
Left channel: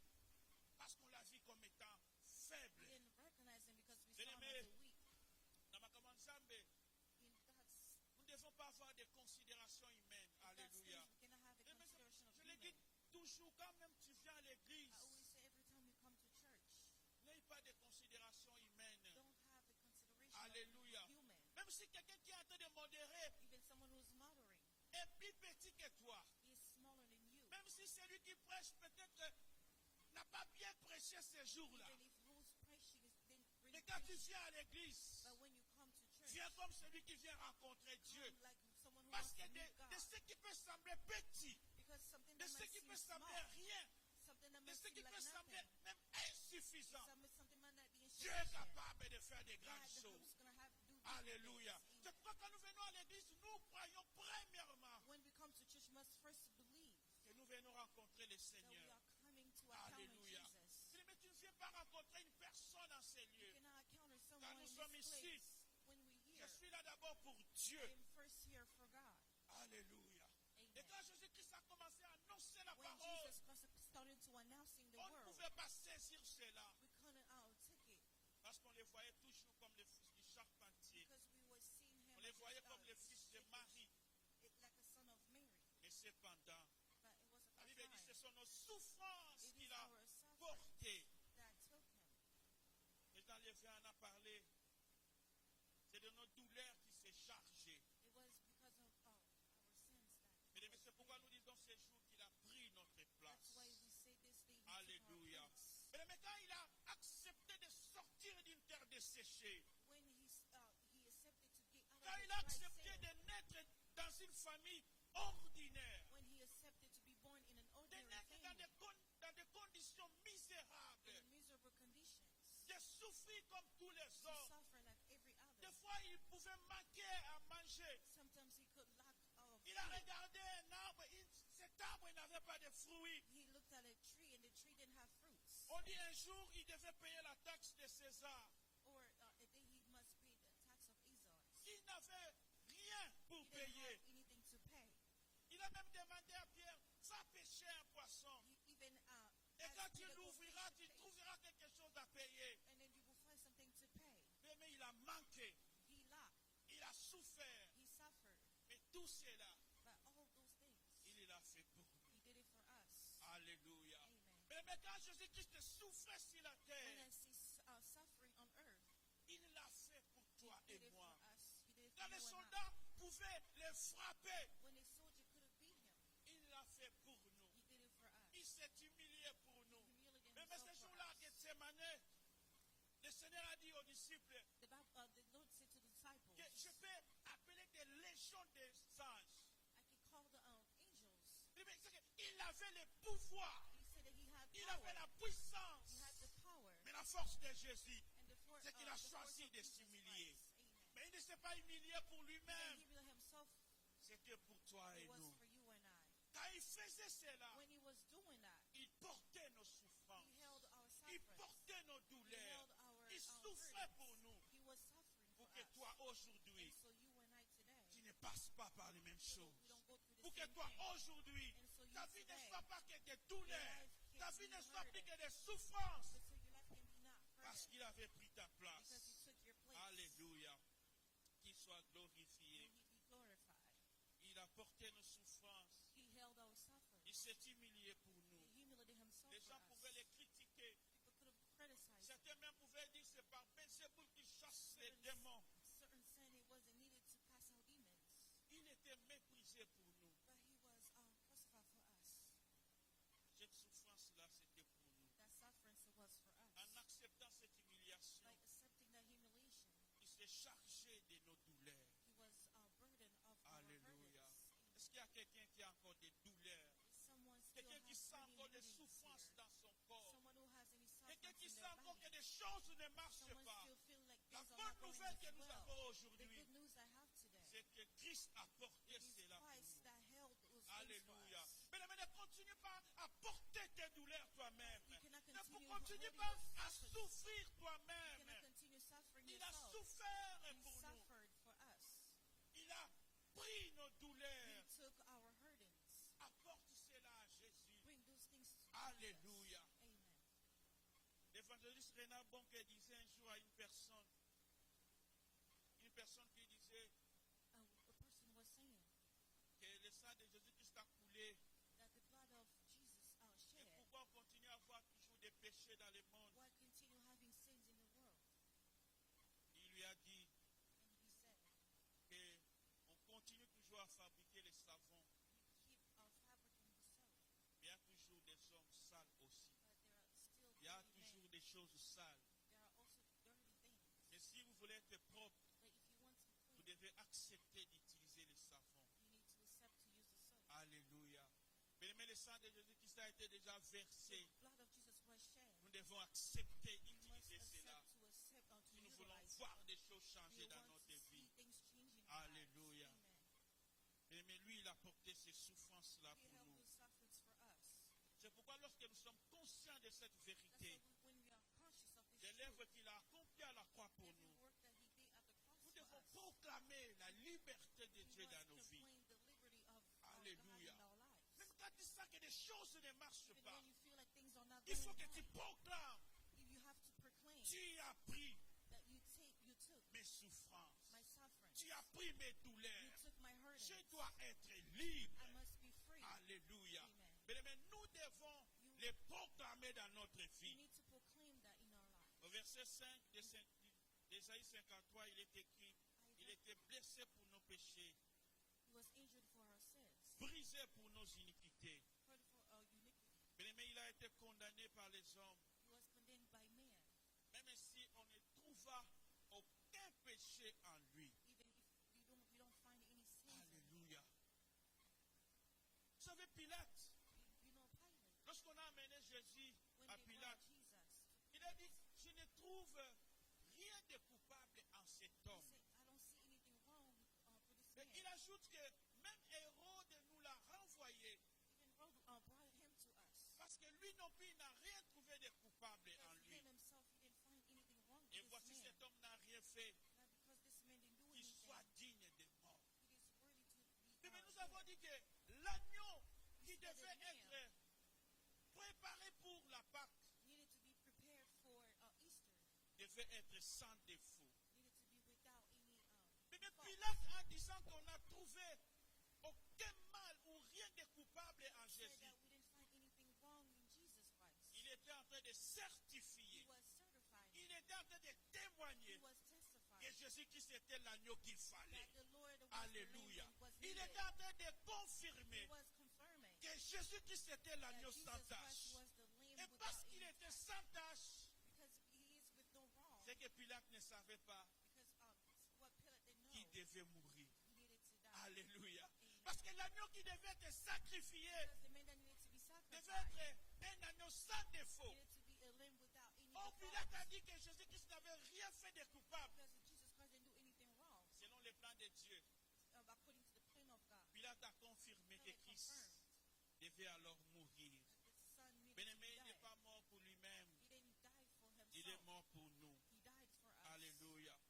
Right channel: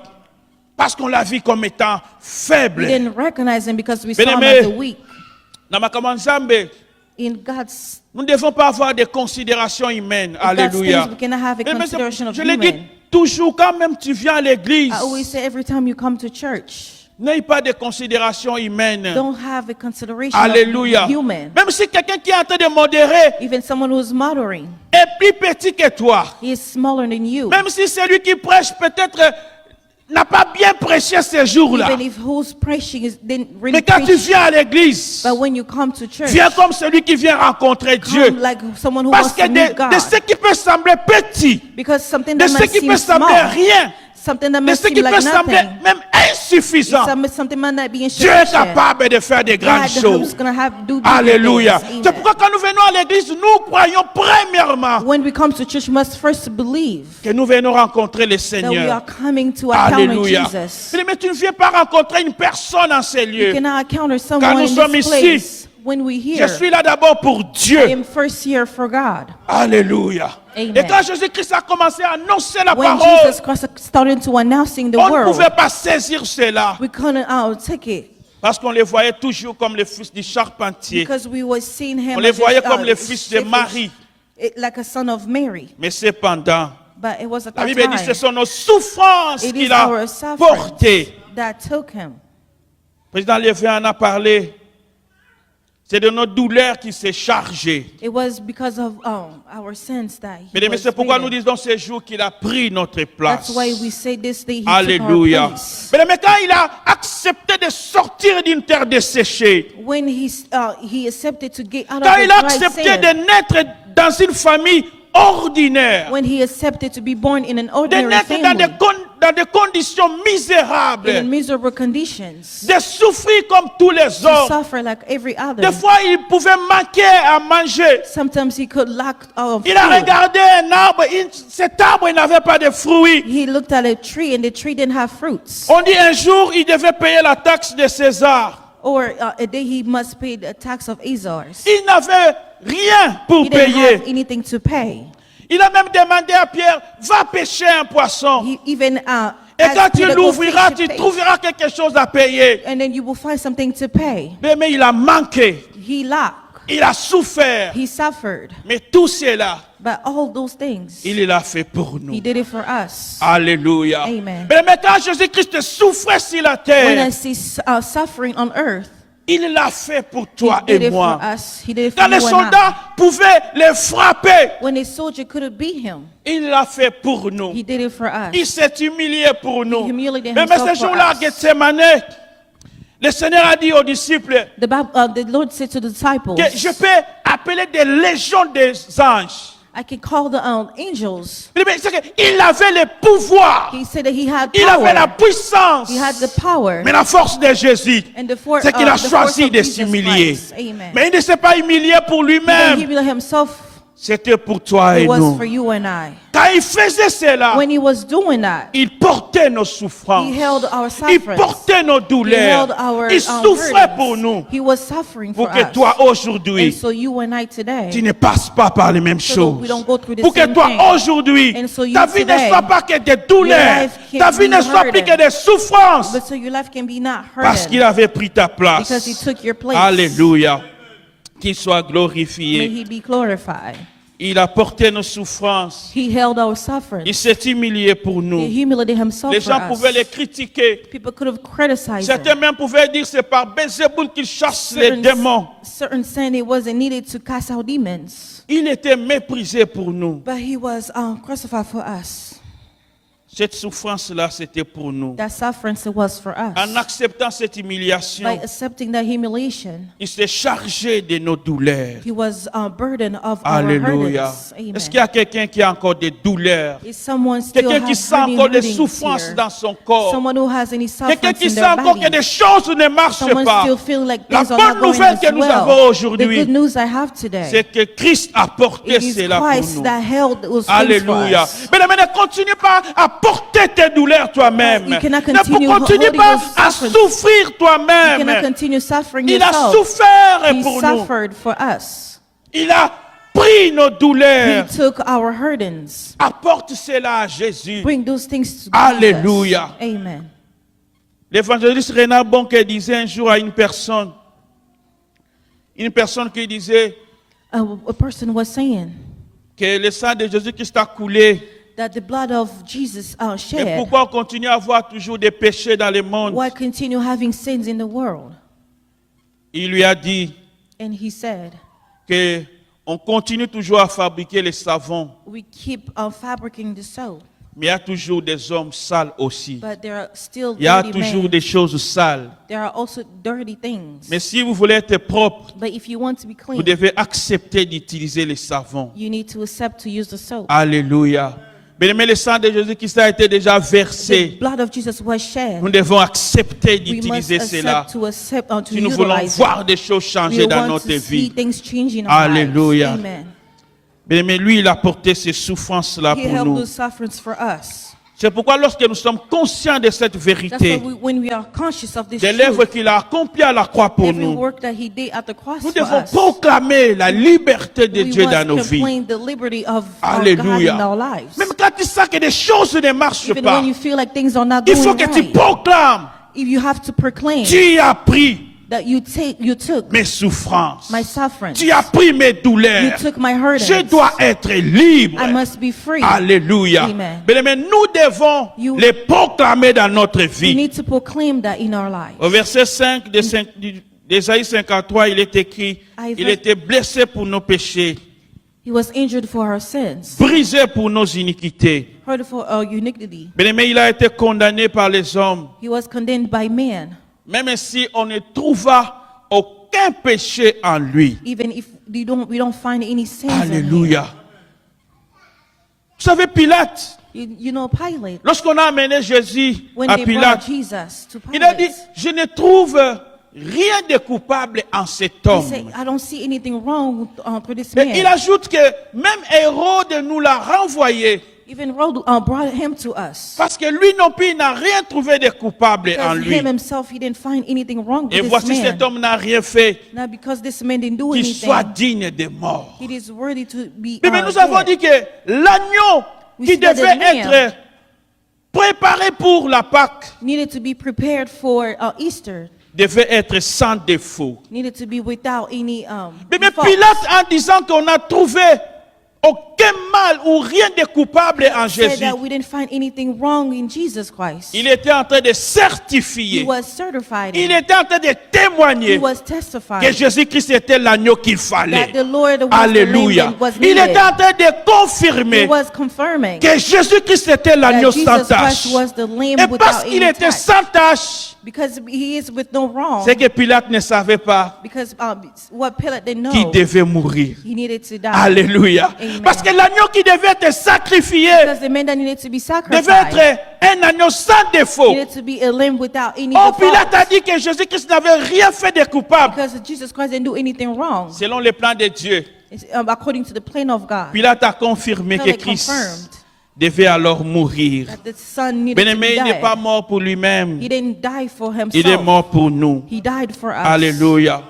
parce qu'on l'a vu comme étant We faible. didn't recognize him because we saw him Bien-aimé, as a weak. Dans ma commande Zambé, In God's, nous ne devons pas avoir de considération humaine. God's Alléluia. things, we cannot have a Mais consideration of je l'ai dit human. toujours, quand même tu viens à l'église, I always say every time you come to church, n'aie pas de considération humaine. don't have a consideration Alléluia. of human. Même si quelqu'un qui est en train de modérer Even someone who's mothering, est plus petit que toi, he is smaller than you. même si celui qui prêche peut-être n'a pas bien prêché ces jours-là, Even if who's preaching is didn't really mais quand tu preach, viens à l'église, but when you come to church, viens comme celui qui vient rencontrer Dieu. come like someone who Parce wants que to meet de God. ce qui peut sembler petit, Because something de that ce might qui seem peut sembler small, rien, something that de might ce qui seem peut like sembler nothing, même insuffisant, something might not be Dieu est insufficient. capable de faire de grandes God choses. is gonna do big Alléluia. things. C'est Amen. pourquoi quand nous venons à l'église, nous croyons premièrement When we come to church, we must first believe que nous venons rencontrer le that we Seigneur. are coming to encounter Alléluia. Jesus. Mais tu ne viens pas rencontrer une personne en ces You lieux. cannot encounter Quand someone nous in sommes this ici, place. when we Je hear, suis là d'abord pour I Dieu. am first here for God. Alléluia. Amen. Et quand Jésus-Christ a commencé à annoncer la When parole, Jesus Christ started to announcing the on ne world, pouvait pas saisir cela. we couldn't take it Parce qu'on les voyait toujours comme les fils du charpentier. because we were seeing him On les as voyait a, comme les fils de Marie. like a son of Mary. Mais cependant, But it was at la that Bible dit que ce time sont nos souffrances it is qu'il a our suffering portées. that took him. Le président Lévin en a parlé. C'est de nos douleurs qu'il s'est chargé. It was because of our sins that he Mesdames, was c'est pourquoi nous beaten. disons ces jours qu'il a pris notre place. That's why we say this day he took Alléluia. our place. Mais quand il a accepté de sortir d'une terre desséchée, When he accepted to get out quand of il the a dry accepté sand, de naître dans une famille ordinaire, when he accepted to be born in an de ordinary naître family, dans des conditions misérables, in miserable conditions, de souffrir comme tous les to autres. suffer like every other. Des fois, il pouvait manquer à manger. Sometimes he could lack of Il a food. regardé un arbre, cet arbre il n'avait pas de fruits. He looked at a tree and the tree didn't have fruits. On dit un jour, il devait payer la taxe de César. Or a day he must pay the tax of Azars. Il n'avait rien pour He didn't payer. have anything to pay. Il a même demandé à Pierre, va pêcher un poisson. He even Et asked quand tu Peter, go l'ouvriras, fish tu a fish, trouveras quelque chose à payer. and then you will find something to pay. Mais il a manqué. He lacked. Il a souffert. He suffered. Mais tout cela, But all those things, il l'a fait pour he nous. did it for us. Alléluia. Amen. Mais quand Jésus-Christ souffrait sur la When I terre, see suffering on earth, il l'a fait pour he toi did et it moi. for us. He did it for Quand les you and I. soldats pouvaient les frapper, When a soldier couldn't beat him, il l'a fait pour nous. he did it for us. Il s'est humilié pour nous. humiliated Mais himself ce for jour-là, à us. Gethsemane, le Seigneur a dit aux disciples The Lord said to the disciples, que je peux appeler des légions des anges. I can call the angels. Il avait le pouvoir. He said that he had Il avait la power. puissance. He had the power. Mais la force de Jésus, And the for- c'est qu'il a the force choisi of de Jesus s'humilier. Christ. Amen. Mais il ne s'est pas humilié pour He didn't lui-même. humiliate himself. C'était pour toi It et was nous. for you and I. Quand il faisait cela, When he was doing that, il portait nos souffrances. he held our Il sufferings. portait nos He douleurs. held our Il souffrait burdens. pour nous. He was suffering for Pour que us. toi And aujourd'hui, so you and I tu today, ne passes pas par les mêmes so that we choses. don't go through the Pour que same toi thing. aujourd'hui, And so you ta vie ne today, soit pas que des douleurs. life can Ta vie be ne soit plus burdened. que des souffrances. But so your life can be not Parce qu'il hurted avait pris ta because he place. took your place. Alléluia. Qu'il soit May glorifié. he be glorified. Il a porté nos souffrances. He held our suffering. Il s'est humilié pour He nous. humiliated himself Les for gens pouvaient us. les critiquer. People could have criticized Certains him. même pouvaient dire c'est par Bézéboul qu'il chasse les démons. Certain said it wasn't needed to cast out demons, Il était méprisé pour nous. but he was crucified for us. Cette souffrance-là, c'était pour nous. That suffering was for us. En acceptant cette By humiliation, accepting that humiliation, il s'est chargé de nos douleurs. he was a burden of our Alléluia. burdens. Amen. Est-ce qu'il y a quelqu'un qui a encore des douleurs? Is someone still Quelqu'un qui has sent hurting, encore des hurting souffrances here? dans son corps? Someone who has any Quelqu'un suffering qui in sent their encore que body? des choses ne marchent Someone pas? still feel like La things are bonne not going nouvelle as que nous well. avons The aujourd'hui, good news I have today, c'est que Christ a porté it is cela pour Christ nous. that held those things for Alléluia. us. Mais ne continue pas à porter tes douleurs toi-même. You cannot Ne continue continue holding pas those à sufferings. souffrir You cannot toi-même. continue suffering Il a yourself. souffert He pour nous. suffered for us. Il a pris nos He douleurs. took our burdens. Apporte cela à Jésus. Bring those things to Alléluia. Jesus. Amen. L'évangéliste Renard Bonke disait un jour à une personne qui disait A person was saying que le sang de Jésus-Christ a coulé. that the blood of Jesus Mais shed. pourquoi on continue à avoir toujours des péchés dans le monde? Why continue having sins in the world? Il lui a dit And he said, que on continue toujours à fabriquer les savons, we keep fabricating the soap, mais il y a toujours des hommes sales aussi. but there are still Il y a dirty toujours men. des choses sales. There are also dirty things. Mais si vous voulez être propre, But if you want to be clean, vous devez accepter d'utiliser les savons. you need to accept to use the soap. Alléluia. Mais le sang de Jésus-Christ a été déjà The versé. blood of Jesus was shed. Nous devons accepter We must d'utiliser cela. accept to Si nous voulons utilize voir it. des choses We changer dans want notre to see vie. things change in our Alléluia. lives. Amen. Mais lui, il a porté ces souffrances-là He pour held nous. those sufferings for us. C'est pourquoi lorsque nous sommes conscients de cette That's vérité, why when we are conscious of this des l'œuvre truth, qu'il a accomplie à la croix pour every nous, work that he did at the cross nous for devons us, proclamer la liberté de we Dieu dans must nos vies. proclaim the liberty of God Alléluia. in our lives. Même quand tu sens que des choses ne marchent Even pas, when you feel like things are not il going faut que tu right, proclames. if you have to proclaim Tu as pris that you took mes souffrances. my suffering, Tu as pris mes you douleurs. took my hurting, Je dois être libre. I must be free. Alléluia. Amen. Mais nous devons You- les proclamer dans notre We vie. need to proclaim that in our lives. Au verset 5 d'Ésaïe 53, il est écrit, il était blessé pour nos péchés, He was injured for our sins, brisé pour nos iniquités. hurt for our iniquity. Mais il a été condamné par les hommes. He was condemned by man, Même si on ne trouva aucun péché en lui. even if we don't find any sins in him. Alléluia. Vous savez, Pilate, You know, Pilate, lorsqu'on a amené Jésus when à they brought Pilate, Jesus to il a dit, Pilate, je ne trouve rien de coupable en cet he homme. said, I don't see anything wrong with this Et il man. ajoute que même Hérode nous l'a renvoyé Even Herod brought him to us. parce que lui non plus il n'a rien trouvé de coupable en Because lui. him himself, he didn't find anything wrong Et with voici this cet man. homme n'a rien fait Now, because this man didn't do qui anything, soit digne de mort. he is worthy to be Mais nous avons dead. dit que l'agneau We qui see that the devait lamb être préparé pour la Pâque needed to be prepared for Easter, devait être sans défaut. needed to be without any Mais fault. Pilate, en disant qu'on a trouvé aucun mal ou rien de coupable en Said Jésus, that we didn't find anything wrong in Jesus Christ. il était en train de He certifier, was certified. il était en train de témoigner He was que testifying Jésus-Christ était l'agneau qu'il fallait. that the Lord was Alléluia. the lamb that was Il needed. était en train de He confirmer was confirming que Jésus-Christ était that l'agneau Jesus sans tâche. Christ was the lamb Et without parce qu'il any était touch. sans tâche, Because he is with no wrong. c'est que Pilate ne savait pas Because what Pilate didn't qu'il know, devait mourir. he needed to die. Alléluia. Amen. Parce que l'agneau qui devait être sacrifié Because the man that needed to be devait sacrificed être un agneau sans défaut. needed to be a lamb without any Oh, default. Pilate a dit que Jésus-Christ n'avait rien fait de coupable. Because Jesus Christ didn't do anything wrong. Selon les plans de Dieu, It's, according to the plan of God. Pilate a confirmé que Pilate Christ confirmed devait alors mourir. that the son needed Bien-aimé, to il n'est pas die. mort pour lui-même. He didn't die for Il est himself. mort pour nous. He died for us. Alléluia.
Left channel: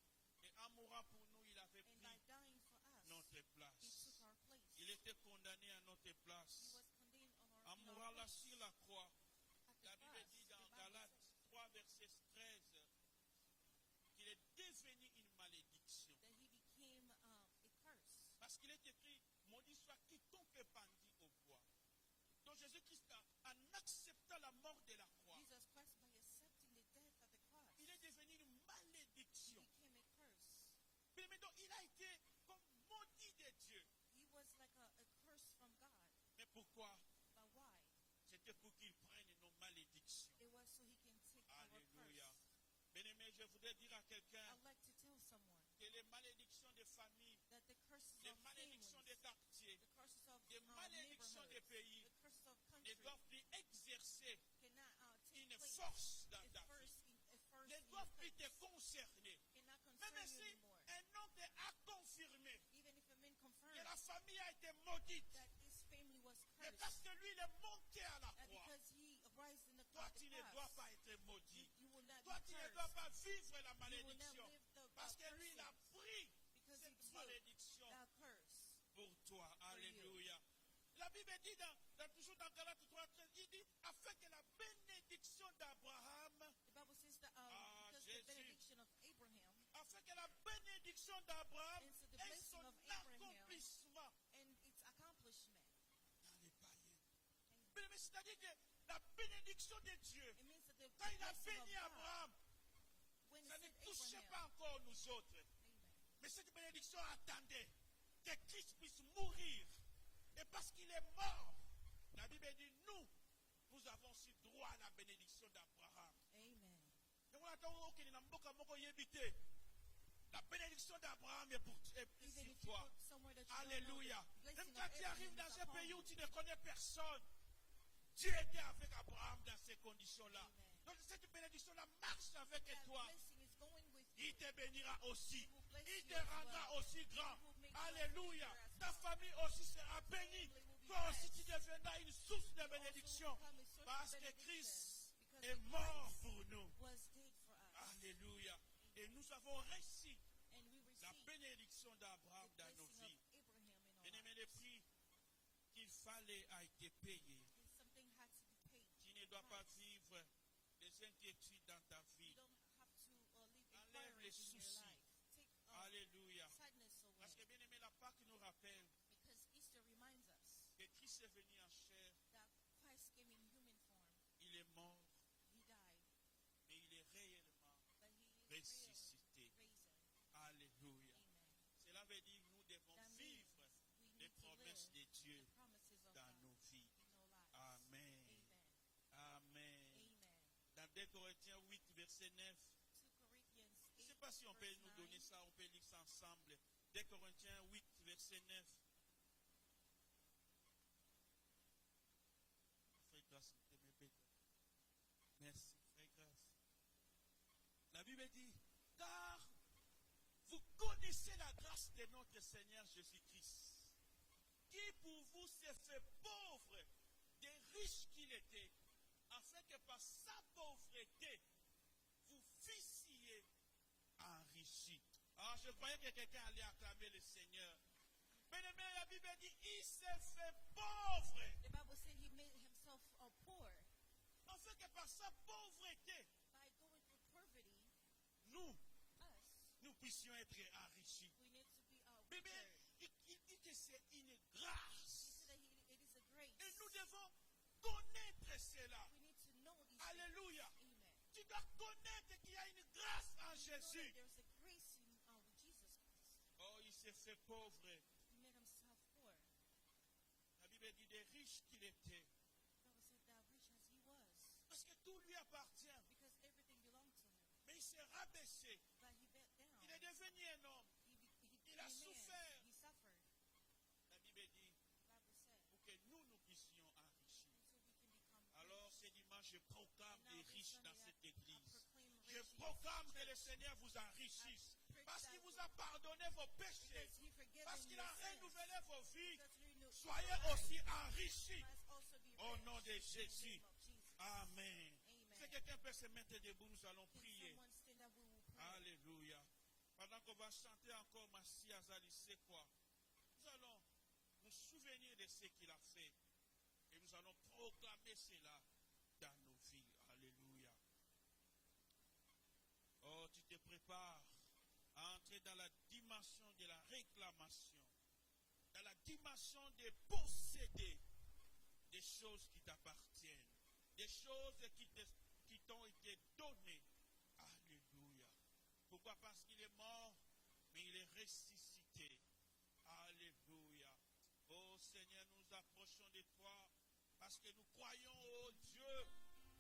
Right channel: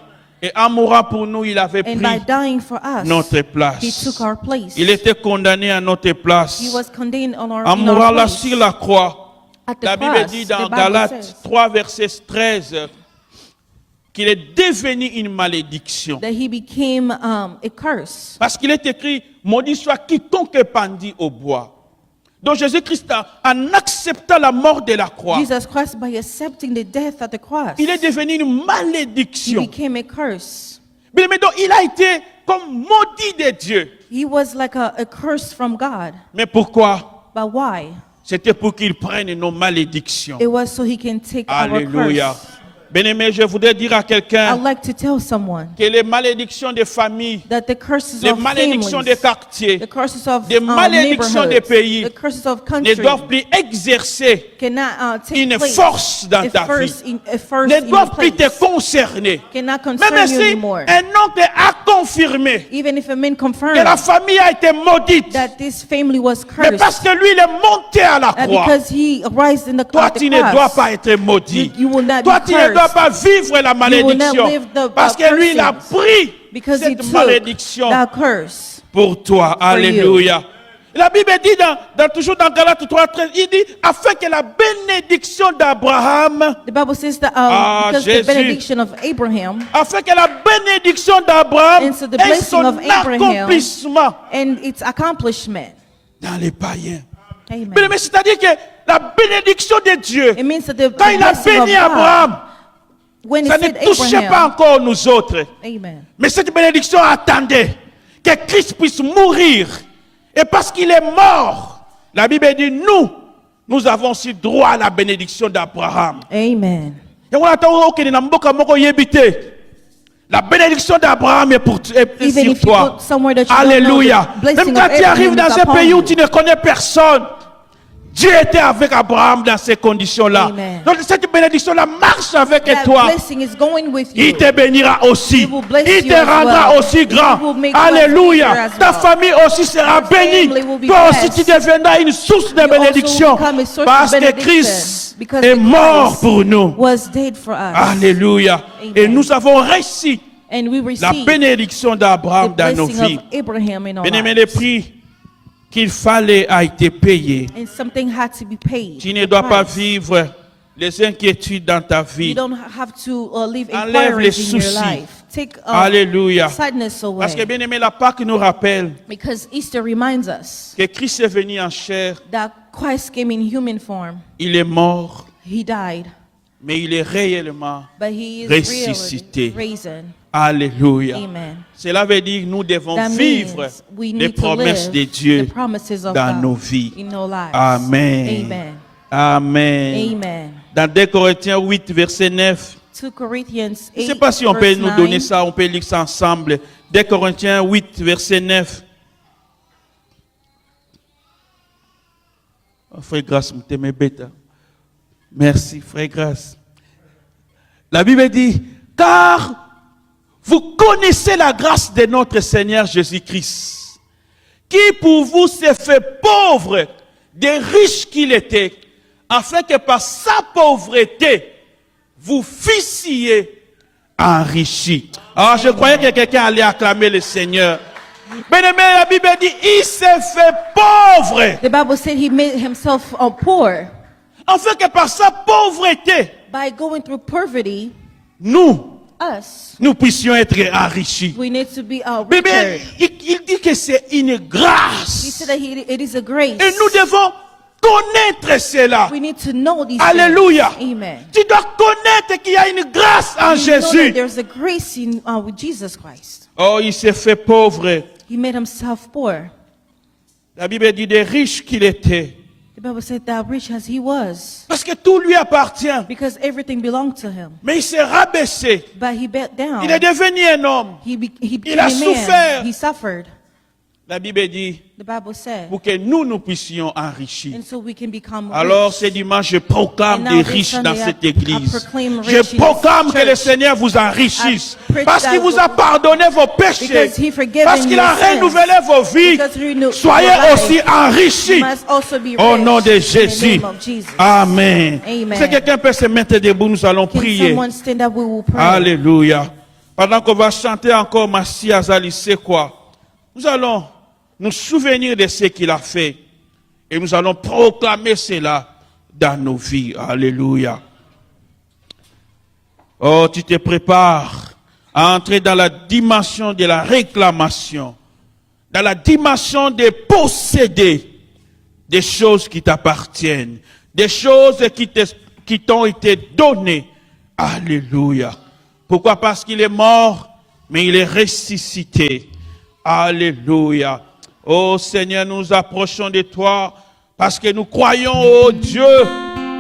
Et en mourant pour nous, il avait And by pris dying for us, notre he place. took our place. Il était condamné à notre He place. was condemned on our, En in our mourant là place. sur la croix, At the la Bible cross, dit the dans Bible Galates says 3, verset 13, qu'il est devenu une malédiction. that he became a curse. Parce qu'il est écrit, maudit soit quiconque pendit au bois. Donc Jésus-Christ, en acceptant la mort de la croix, Jesus Christ, by accepting the death at the cross, il est devenu une he malédiction. became a curse. Mais donc il a été comme maudit de Dieu. He was like a curse from God. Mais pourquoi? But why? C'était pour qu'il prenne nos malédictions. It was so he can take our Alléluia. curse. Bien-aimé, je voudrais dire à I'd quelqu'un like to tell someone que les malédictions des familles, that the curses les of malédictions families, des quartiers, the curses of des malédictions des neighborhoods, pays the curses of ne countries doivent plus exercer cannot take une place. force dans A ta vie. first in Ne your doivent plus te place concerner. cannot Même concern you si anymore. un oncle a confirmé Even if a man que la confirmed famille a été maudite, that this family was mais cursed, parce que lui, il est monté à la that croix, because he arose in the, toi, at the tu ne dois cross, pas être maudit. you will not Toi, be tu ne dois cursed pas vivre la malédiction. live the Parce que lui, il a cursings. pris because he cette took malédiction that curse. pour toi. Alléluia. La Bible dit toujours dans Galates 3:13, il dit afin que la bénédiction d'Abraham, The Bible says that because Jésus. the benediction of Abraham afin que la bénédiction d'Abraham And so the ait blessing son of Abraham accomplissement and its accomplishment. dans les païens. Amen. Mais c'est-à-dire que la bénédiction de Dieu, It means that the quand il a blessing of béni God, Abraham, when ça it ne said touchait pas Abraham, encore nous autres. Amen. Mais cette bénédiction attendait que Christ puisse mourir. Et parce qu'il est mort, la Bible dit, nous avons aussi droit à la bénédiction d'Abraham. Amen. Et on attend que nous avons la bénédiction d'Abraham est Even sur if you toi. go somewhere that you Alléluia. don't know, the blessing Même quand of tu arrives Abraham dans is un upon pays où you. tu ne connais personne, Dieu était avec Abraham dans ces conditions-là. Amen. Donc cette bénédiction-là marche avec That toi. blessing is going with you. Il te bénira aussi. He will bless Il you te as rendra well. aussi He grand. will make Alléluia. life easier as Ta well. famille aussi sera Your bénie. family will be Toi aussi blessed. tu deviendras une source de You also bénédiction. become a source Parce of que benediction. Christ Because est the mort Christ pour nous. was dead for us. Alléluia. Amen. Et nous avons reçu And we la receive bénédiction the d'Abraham dans nos blessing vies. of Abraham in our Bien-aimé, le lives. prix qu'il fallait a été payé. And something had to be paid. Tu ne the dois pas price. vivre les inquiétudes dans ta You vie. don't have to live Enlève les inquiries in your soucis. life. Take Alléluia. sadness away. Parce que bien aimé, la Pâque nous rappelle Because Easter reminds us que Christ est venu en chair, that Christ came in human form. il est mort, He died, mais il est réellement but he is ressuscité. really risen. Alléluia. Amen. Cela veut dire que nous devons That vivre means we les need to promesses live de Dieu the promises of dans God nos vies. in our lives. Amen. Amen. Amen. Amen. Dans 2 Corinthiens 8, verset 9, 2 Corinthians je ne 8, sais pas si on peut verse nous 9. donner ça, on peut lire ça ensemble. 2 Corinthiens 8, verset 9. Oh, frère Grâce, je t'aime bête. Merci, frère Grâce. La Bible dit, car vous connaissez la grâce de notre Seigneur Jésus-Christ, qui pour vous s'est fait pauvre, des riches qu'il était, afin que par sa pauvreté, vous fussiez enrichis. Alors je croyais que quelqu'un allait acclamer le Seigneur. Bien-aimé, la Bible dit, il s'est fait pauvre, The Bible said he made himself poor afin que par sa pauvreté, by going through poverty. nous puissions être enrichis. We need to be Bible, richer. il dit que c'est une He grâce. said that it is a grace. Et nous devons connaître cela. We need to know these Alléluia. things. Amen. Tu dois connaître qu'il y a une grâce en We know that Jésus. there's a grace in with Jesus Christ. Oh, il s'est fait pauvre. He made himself poor. La Bible dit des riches qu'il était. The Bible said that rich as he was, Parce que tout lui appartient. because everything belonged to him. Mais il s'est rabaissé. But he bent down. Il est devenu un homme. He became Il a a man. souffert. He suffered. La Bible dit The Bible said. pour que nous puissions enrichir. And so we can become Alors rich. ce dimanche, je proclame And des now this riches dans Sunday, cette I église. proclaim Je rich in proclame this que le church. Seigneur vous enrichisse. I preach Parce qu'il that vous a pardonné vos péchés. Because he forgiven Parce qu'il a your sins. renouvelé vos vies. Because he renewed Soyez your life. aussi enrichis. You must also be Au rich nom de in the Jésus. name of Jesus. Amen. Amen. Si quelqu'un peut se mettre debout, nous allons Can prier. someone stand up? We will pray. Alléluia. Pendant qu'on va chanter encore Massi Azali, c'est quoi? Nous allons nous souvenir de ce qu'il a fait. Et nous allons proclamer cela dans nos vies. Alléluia. Oh, tu te prépares à entrer dans la dimension de la réclamation, dans la dimension de posséder des choses qui t'appartiennent, des choses qui t'ont été données. Alléluia. Pourquoi? Parce qu'il est mort, mais il est ressuscité. Alléluia. Oh Seigneur, nous nous approchons de toi parce que nous croyons, oh Dieu,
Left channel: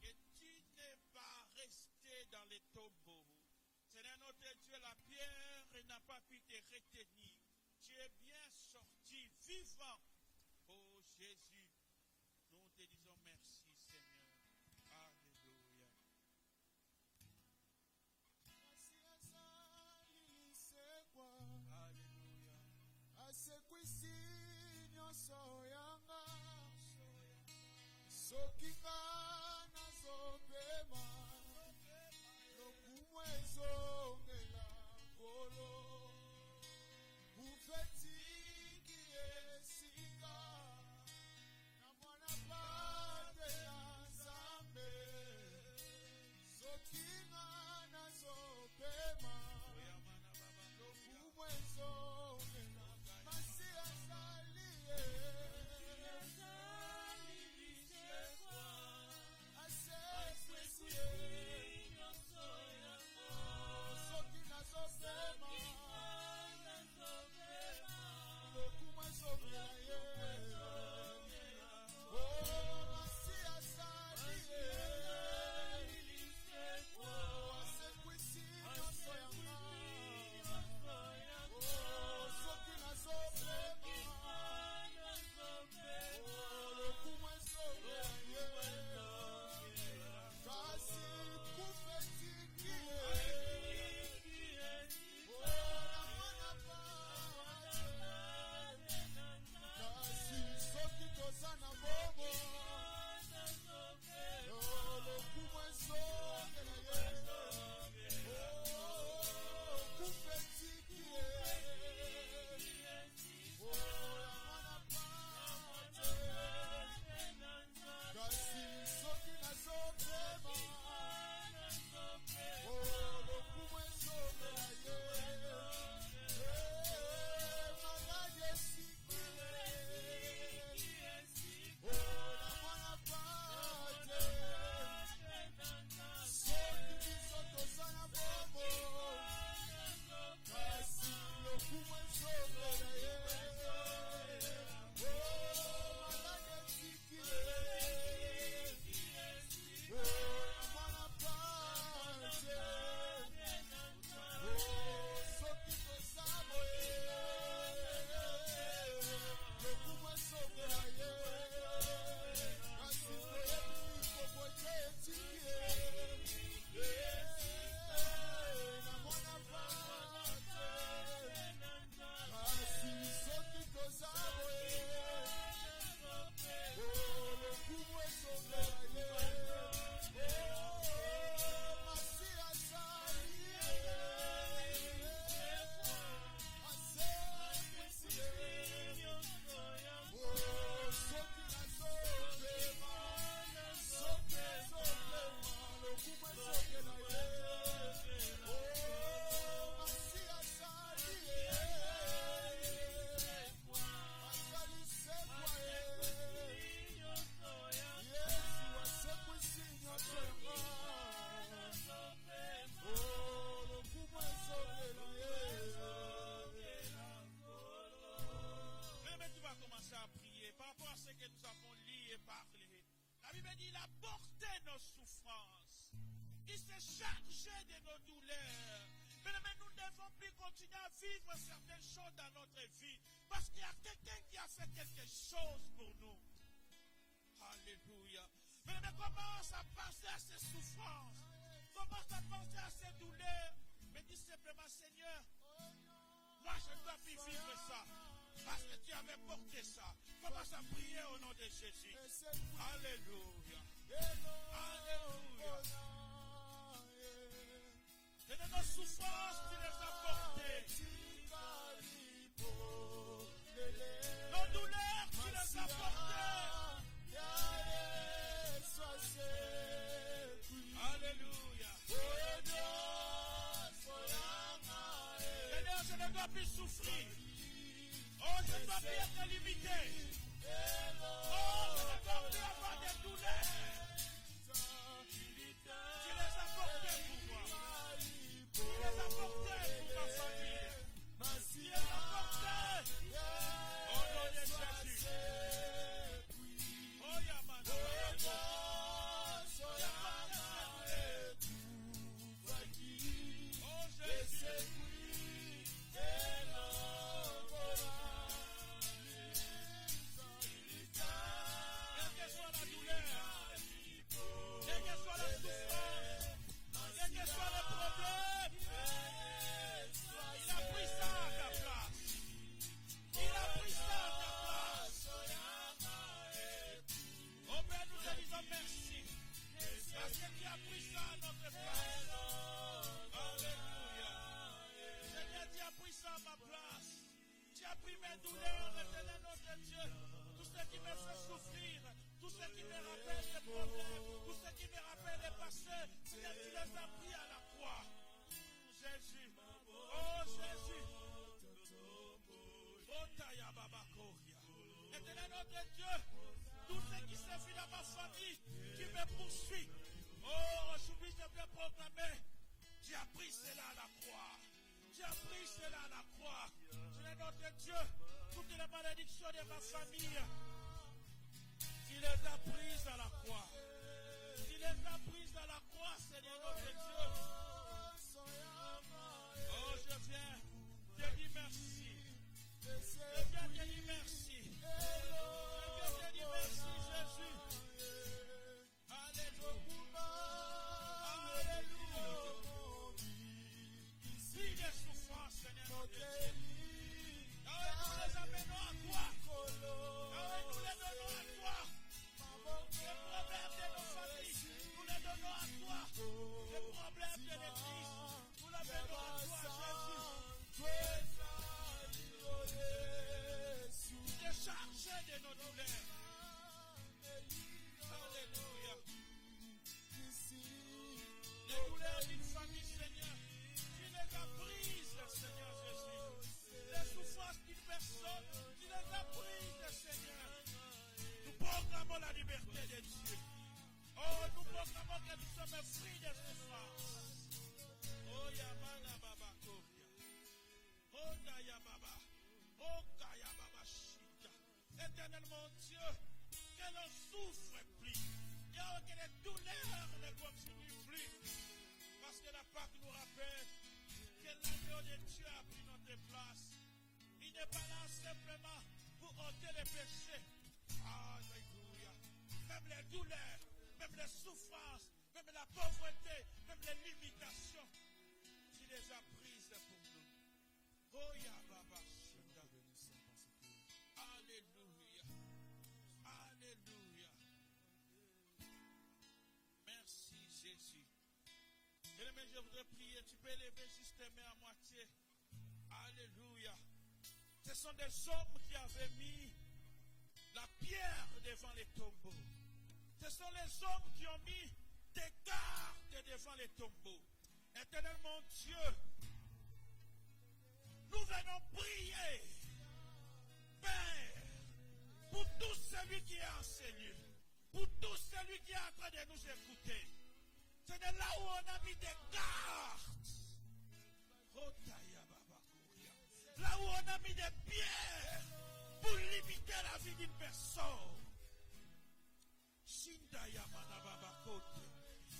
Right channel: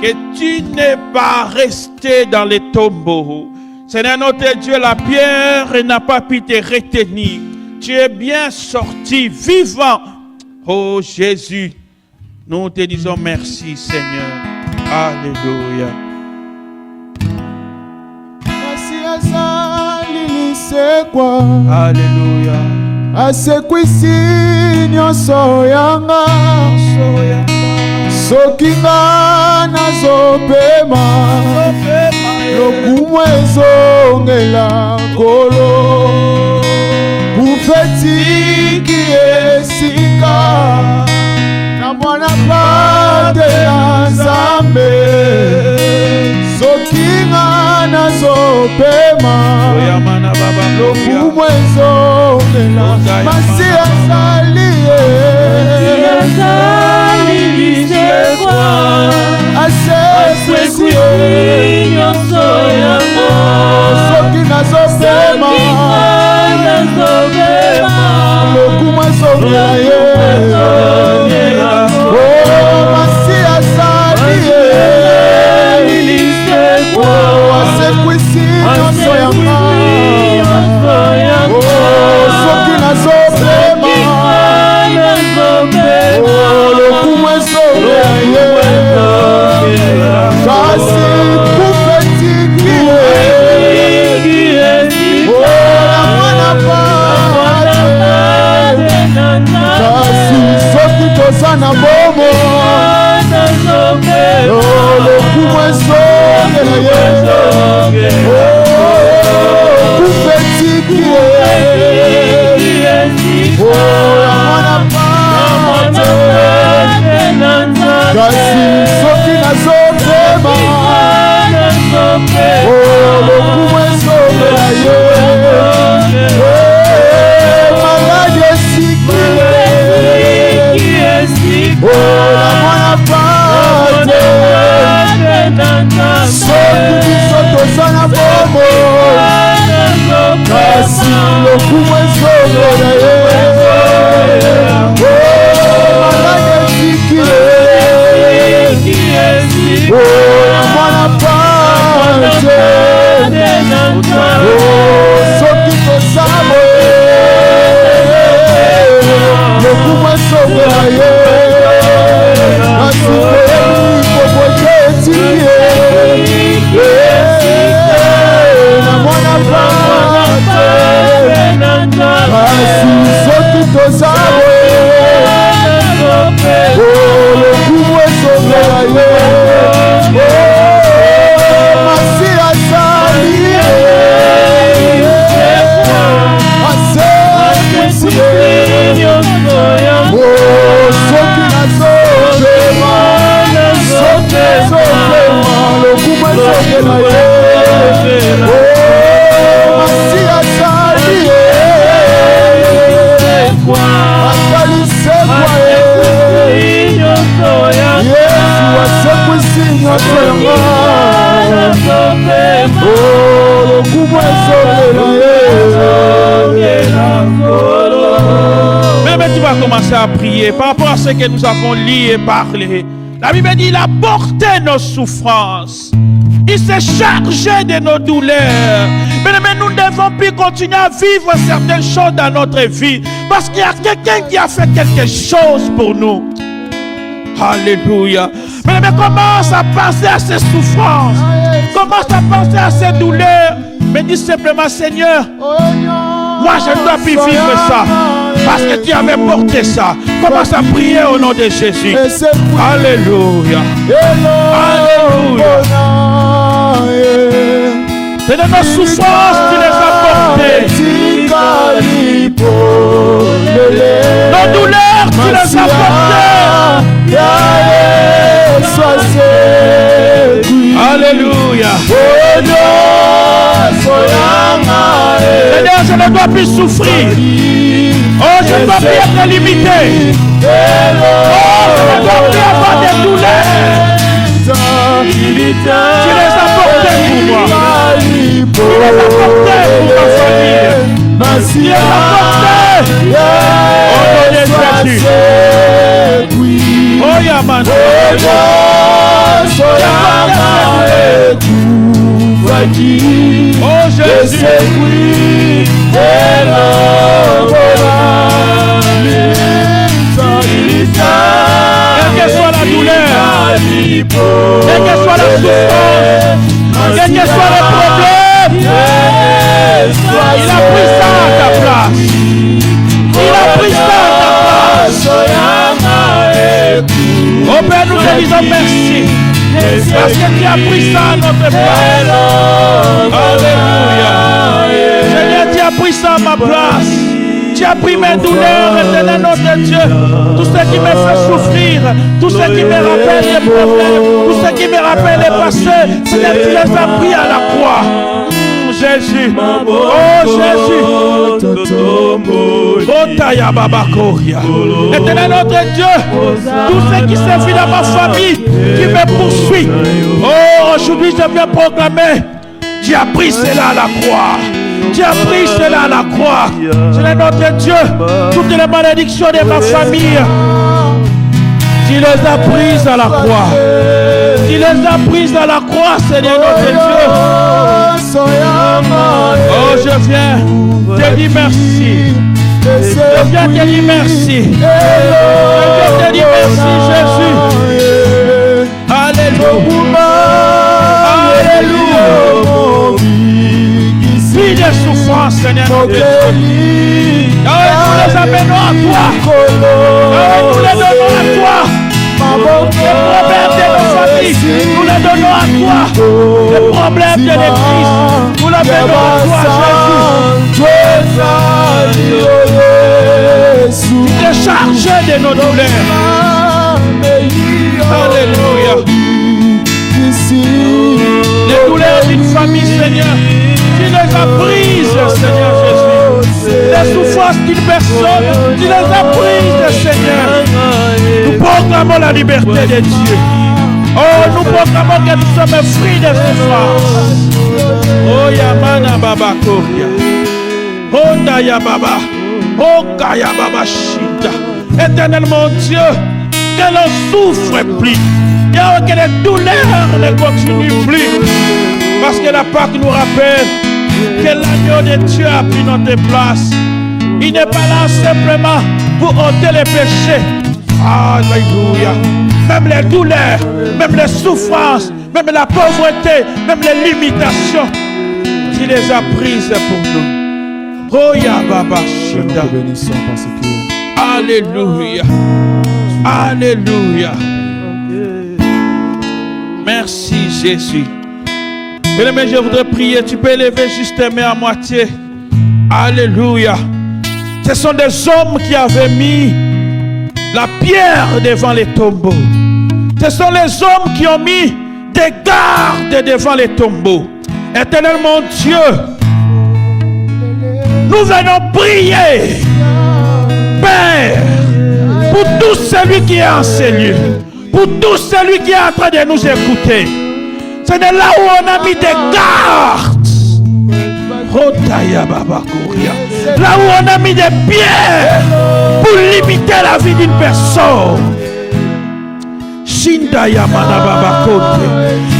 que tu n'es pas resté dans les tombeaux. Seigneur notre Dieu, la pierre n'a pas pu te retenir. Tu es bien sorti, vivant. Oh Jésus, nous te disons merci Seigneur. Alléluia. Alléluia. asekwisi nyonso yanga soki nga nazopema lokumu ezongela nkolo bufetiki esika na mwana pate ya nzambe soki nga nazopema lokumu ezongela masi azali asekwisi soki nazopema lokumu ezongela ye masi azali asekwisi nyonso yanga soki nazopema tosamo kasi lokumu ezongela ye malade etikile na mwana pante soki tosamo lokumu ezongela ye kasi kokote etilie na mwana pante kasi soki tosamo lokumu ezongela ye masi asali asekisi soki nazopema soki ezopema lokumu ezongela ye masi asali asalisekwa ye yesu asekwisi nyonso yanga lokumu ezongela ye. Même tu vas commencer à prier par rapport à ce que nous avons lu et parlé. La Bible dit, il a porté nos souffrances. Il s'est chargé de nos douleurs. Mais nous ne devons plus continuer à vivre certaines choses dans notre vie. Parce qu'il y a quelqu'un qui a fait quelque chose pour nous. Alléluia. Mais commence à penser à ces souffrances. Commence à penser à ces douleurs. Mais dis simplement, Seigneur, moi je ne dois plus vivre ça. Parce que tu avais porté ça. Commence à prier au nom de Jésus. Alléluia. Alléluia. C'est de nos souffrances tu les as portées. Nos douleurs tu les as portées. Alléluia. Seigneur, je ne dois plus souffrir. Oh, je ne dois plus être limité. Oh, je ne dois plus avoir des douleurs. Tu les as portées pour moi. Tu les as portées pour ma famille. Tu les as portées. Au nom de Jésus. Oh, Yaman. Oh, Jésus. Quelle que soit la douleur, quelle que soit la souffrance, quel que soit le problème, il a pris ça à ta place. Il a pris ça à ta place. Oh Père, nous te disons merci. Parce que tu as pris ça à notre place. Alléluia. Seigneur, tu as pris ça à ma place. Tu as pris mes douleurs, éternel notre Dieu. Tout ce qui me fait souffrir, tout ce qui me rappelle les problèmes, tout ce qui me rappelle les passés, Seigneur, tu les as pris à la croix. Jésus, oh Jésus, oh Taya Baba Koria. Éternel notre Dieu, tout ce qui s'est fait dans ma famille, qui me poursuit, oh aujourd'hui je viens proclamer, tu as pris cela à la croix. Tu as pris cela à la croix. Seigneur notre Dieu, toutes les malédictions de ma famille, tu les as prises à la croix. Tu les as prises à la croix, Seigneur notre Dieu. Oh, je viens te dire merci. Je viens te dire merci. Je viens te dire merci, Jésus. Alléluia. Alléluia. Vie de souffrance, Seigneur notre Dieu. Nous les amenons à toi. Nous les donnons à toi. Les problèmes de nos familles, nous les donnons à toi. Les problèmes de l'Église, nous les donnons à toi, Jésus. Tu es chargé de nos douleurs. Alléluia. Les douleurs d'une famille, Seigneur, tu les as prises, Seigneur Jésus. Les souffrances d'une personne, tu les as prises, Seigneur. Nous proclamons la liberté de Dieu. Oh, nous proclamons que nous sommes fruits de souffrance. Oh, Oh Yamana Baba Koria. Honda ya Baba. Oka ya Baba Shinda. Éternel mon Dieu, que l'on souffre plus. Yahweh, que les douleurs ne continuent plus. Parce que la Pâque nous rappelle que l'agneau de Dieu a pris notre place. Il n'est pas là simplement pour ôter les péchés. Alléluia. Même les douleurs, même les souffrances, même la pauvreté, même les limitations, il les a prises pour nous. Oh ya Baba Shinda. Alléluia. Alléluia. Merci Jésus. Bien-aimé, je voudrais prier. Tu peux élever juste tes mains à moitié. Alléluia. Ce sont des hommes qui avaient mis la pierre devant les tombeaux. Ce sont les hommes qui ont mis des gardes devant les tombeaux. Éternel mon Dieu, nous venons prier, Père, pour tout celui qui est en ces lieux, pour tout celui qui est en train de nous écouter. C'est là où on a mis des gardes. Là où on a mis des pierres pour limiter la vie d'une personne.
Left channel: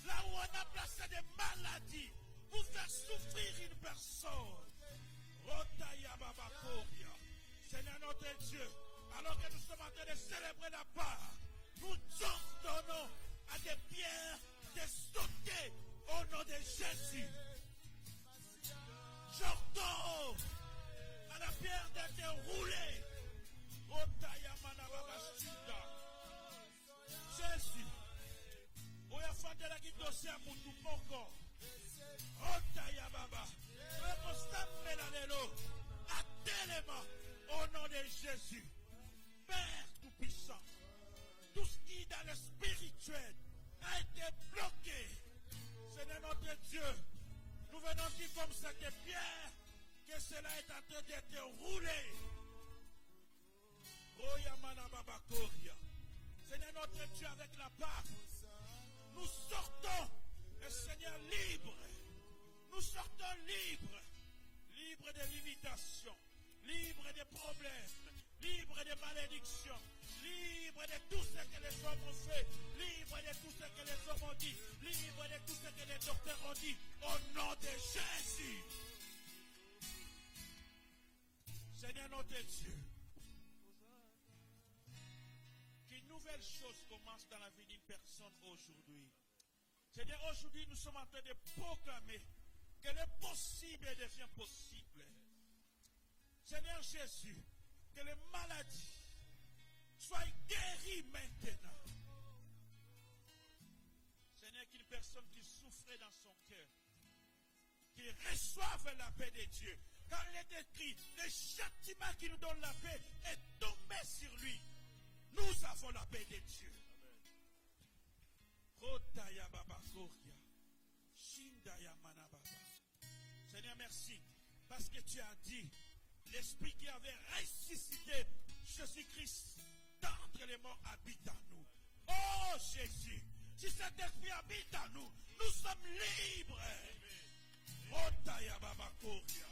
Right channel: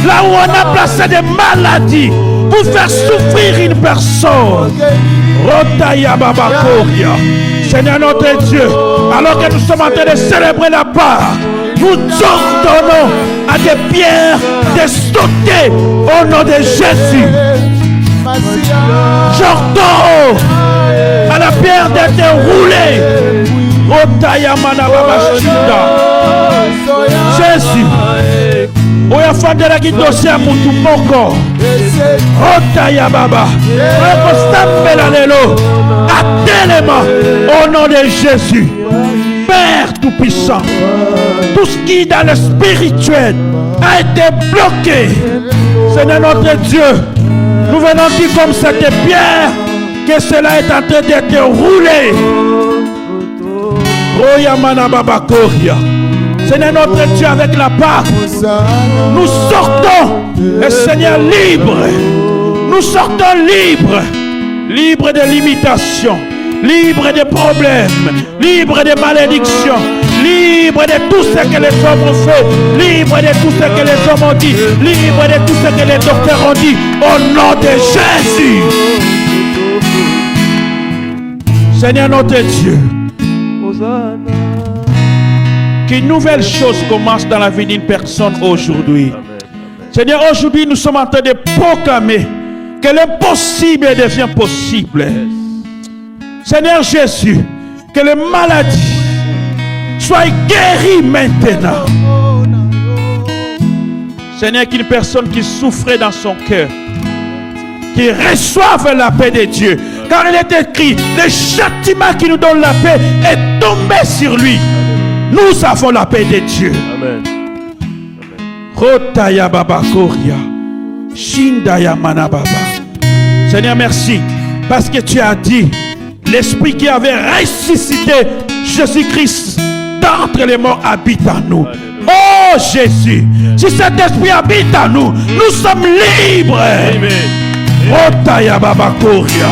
Là où on a placé des maladies pour faire souffrir une personne. Seigneur notre Dieu, alors que nous sommes en train de célébrer la Pâque, nous ordonnons à des pierres de sauter au nom de Jésus. J'ordonne à la pierre d'être roulée. Jésus, oya fandela kitose ya mutu moko. Otaya baba, rekostambela lelo, atelema au nom de Jésus. Père tout-puissant, tout ce qui dans le spirituel a été bloqué, Seigneur notre Dieu, nous venons dire comme cette pierre que cela est en train d'être roulé. Royamana Baba Koria. Seigneur notre Dieu, avec la Pâque, nous sortons, le Seigneur, libre. Nous sortons libres, libres de limitations, libres de problèmes, libres de malédictions, libres de tout ce que les hommes ont fait, libres de tout ce que les hommes ont dit, libres de tout ce que les docteurs ont dit, au nom de Jésus. Seigneur notre Dieu, qu'une nouvelle chose commence dans la vie d'une personne aujourd'hui. Seigneur, aujourd'hui nous sommes en train de proclamer que l'impossible devient possible. Seigneur Jésus, que les maladies soient guéries maintenant. Seigneur, qu'une personne qui souffrait dans son cœur, qui reçoive la paix de Dieu. Car il est écrit, le châtiment qui nous donne la paix est tombé sur lui. Nous avons la paix de Dieu. Amen. Rotaya Baba Koria. Shindaya Manababa. Seigneur, merci. Parce que tu as dit, l'Esprit qui avait ressuscité Jésus-Christ d'entre les morts habite en nous. Oh Jésus, si cet esprit habite en nous, nous sommes libres. Rotaya Baba Koria.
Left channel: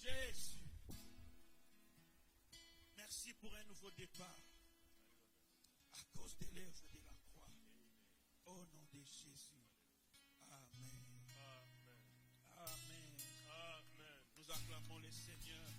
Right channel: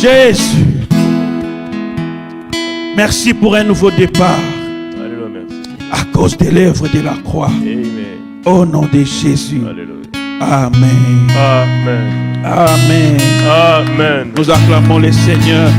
Jésus, merci pour un nouveau départ. Alléluia, merci. À cause de l'œuvre de la croix. Amen. Au nom de Jésus. Alléluia. Amen. Amen. Amen. Amen. Nous acclamons le Seigneur.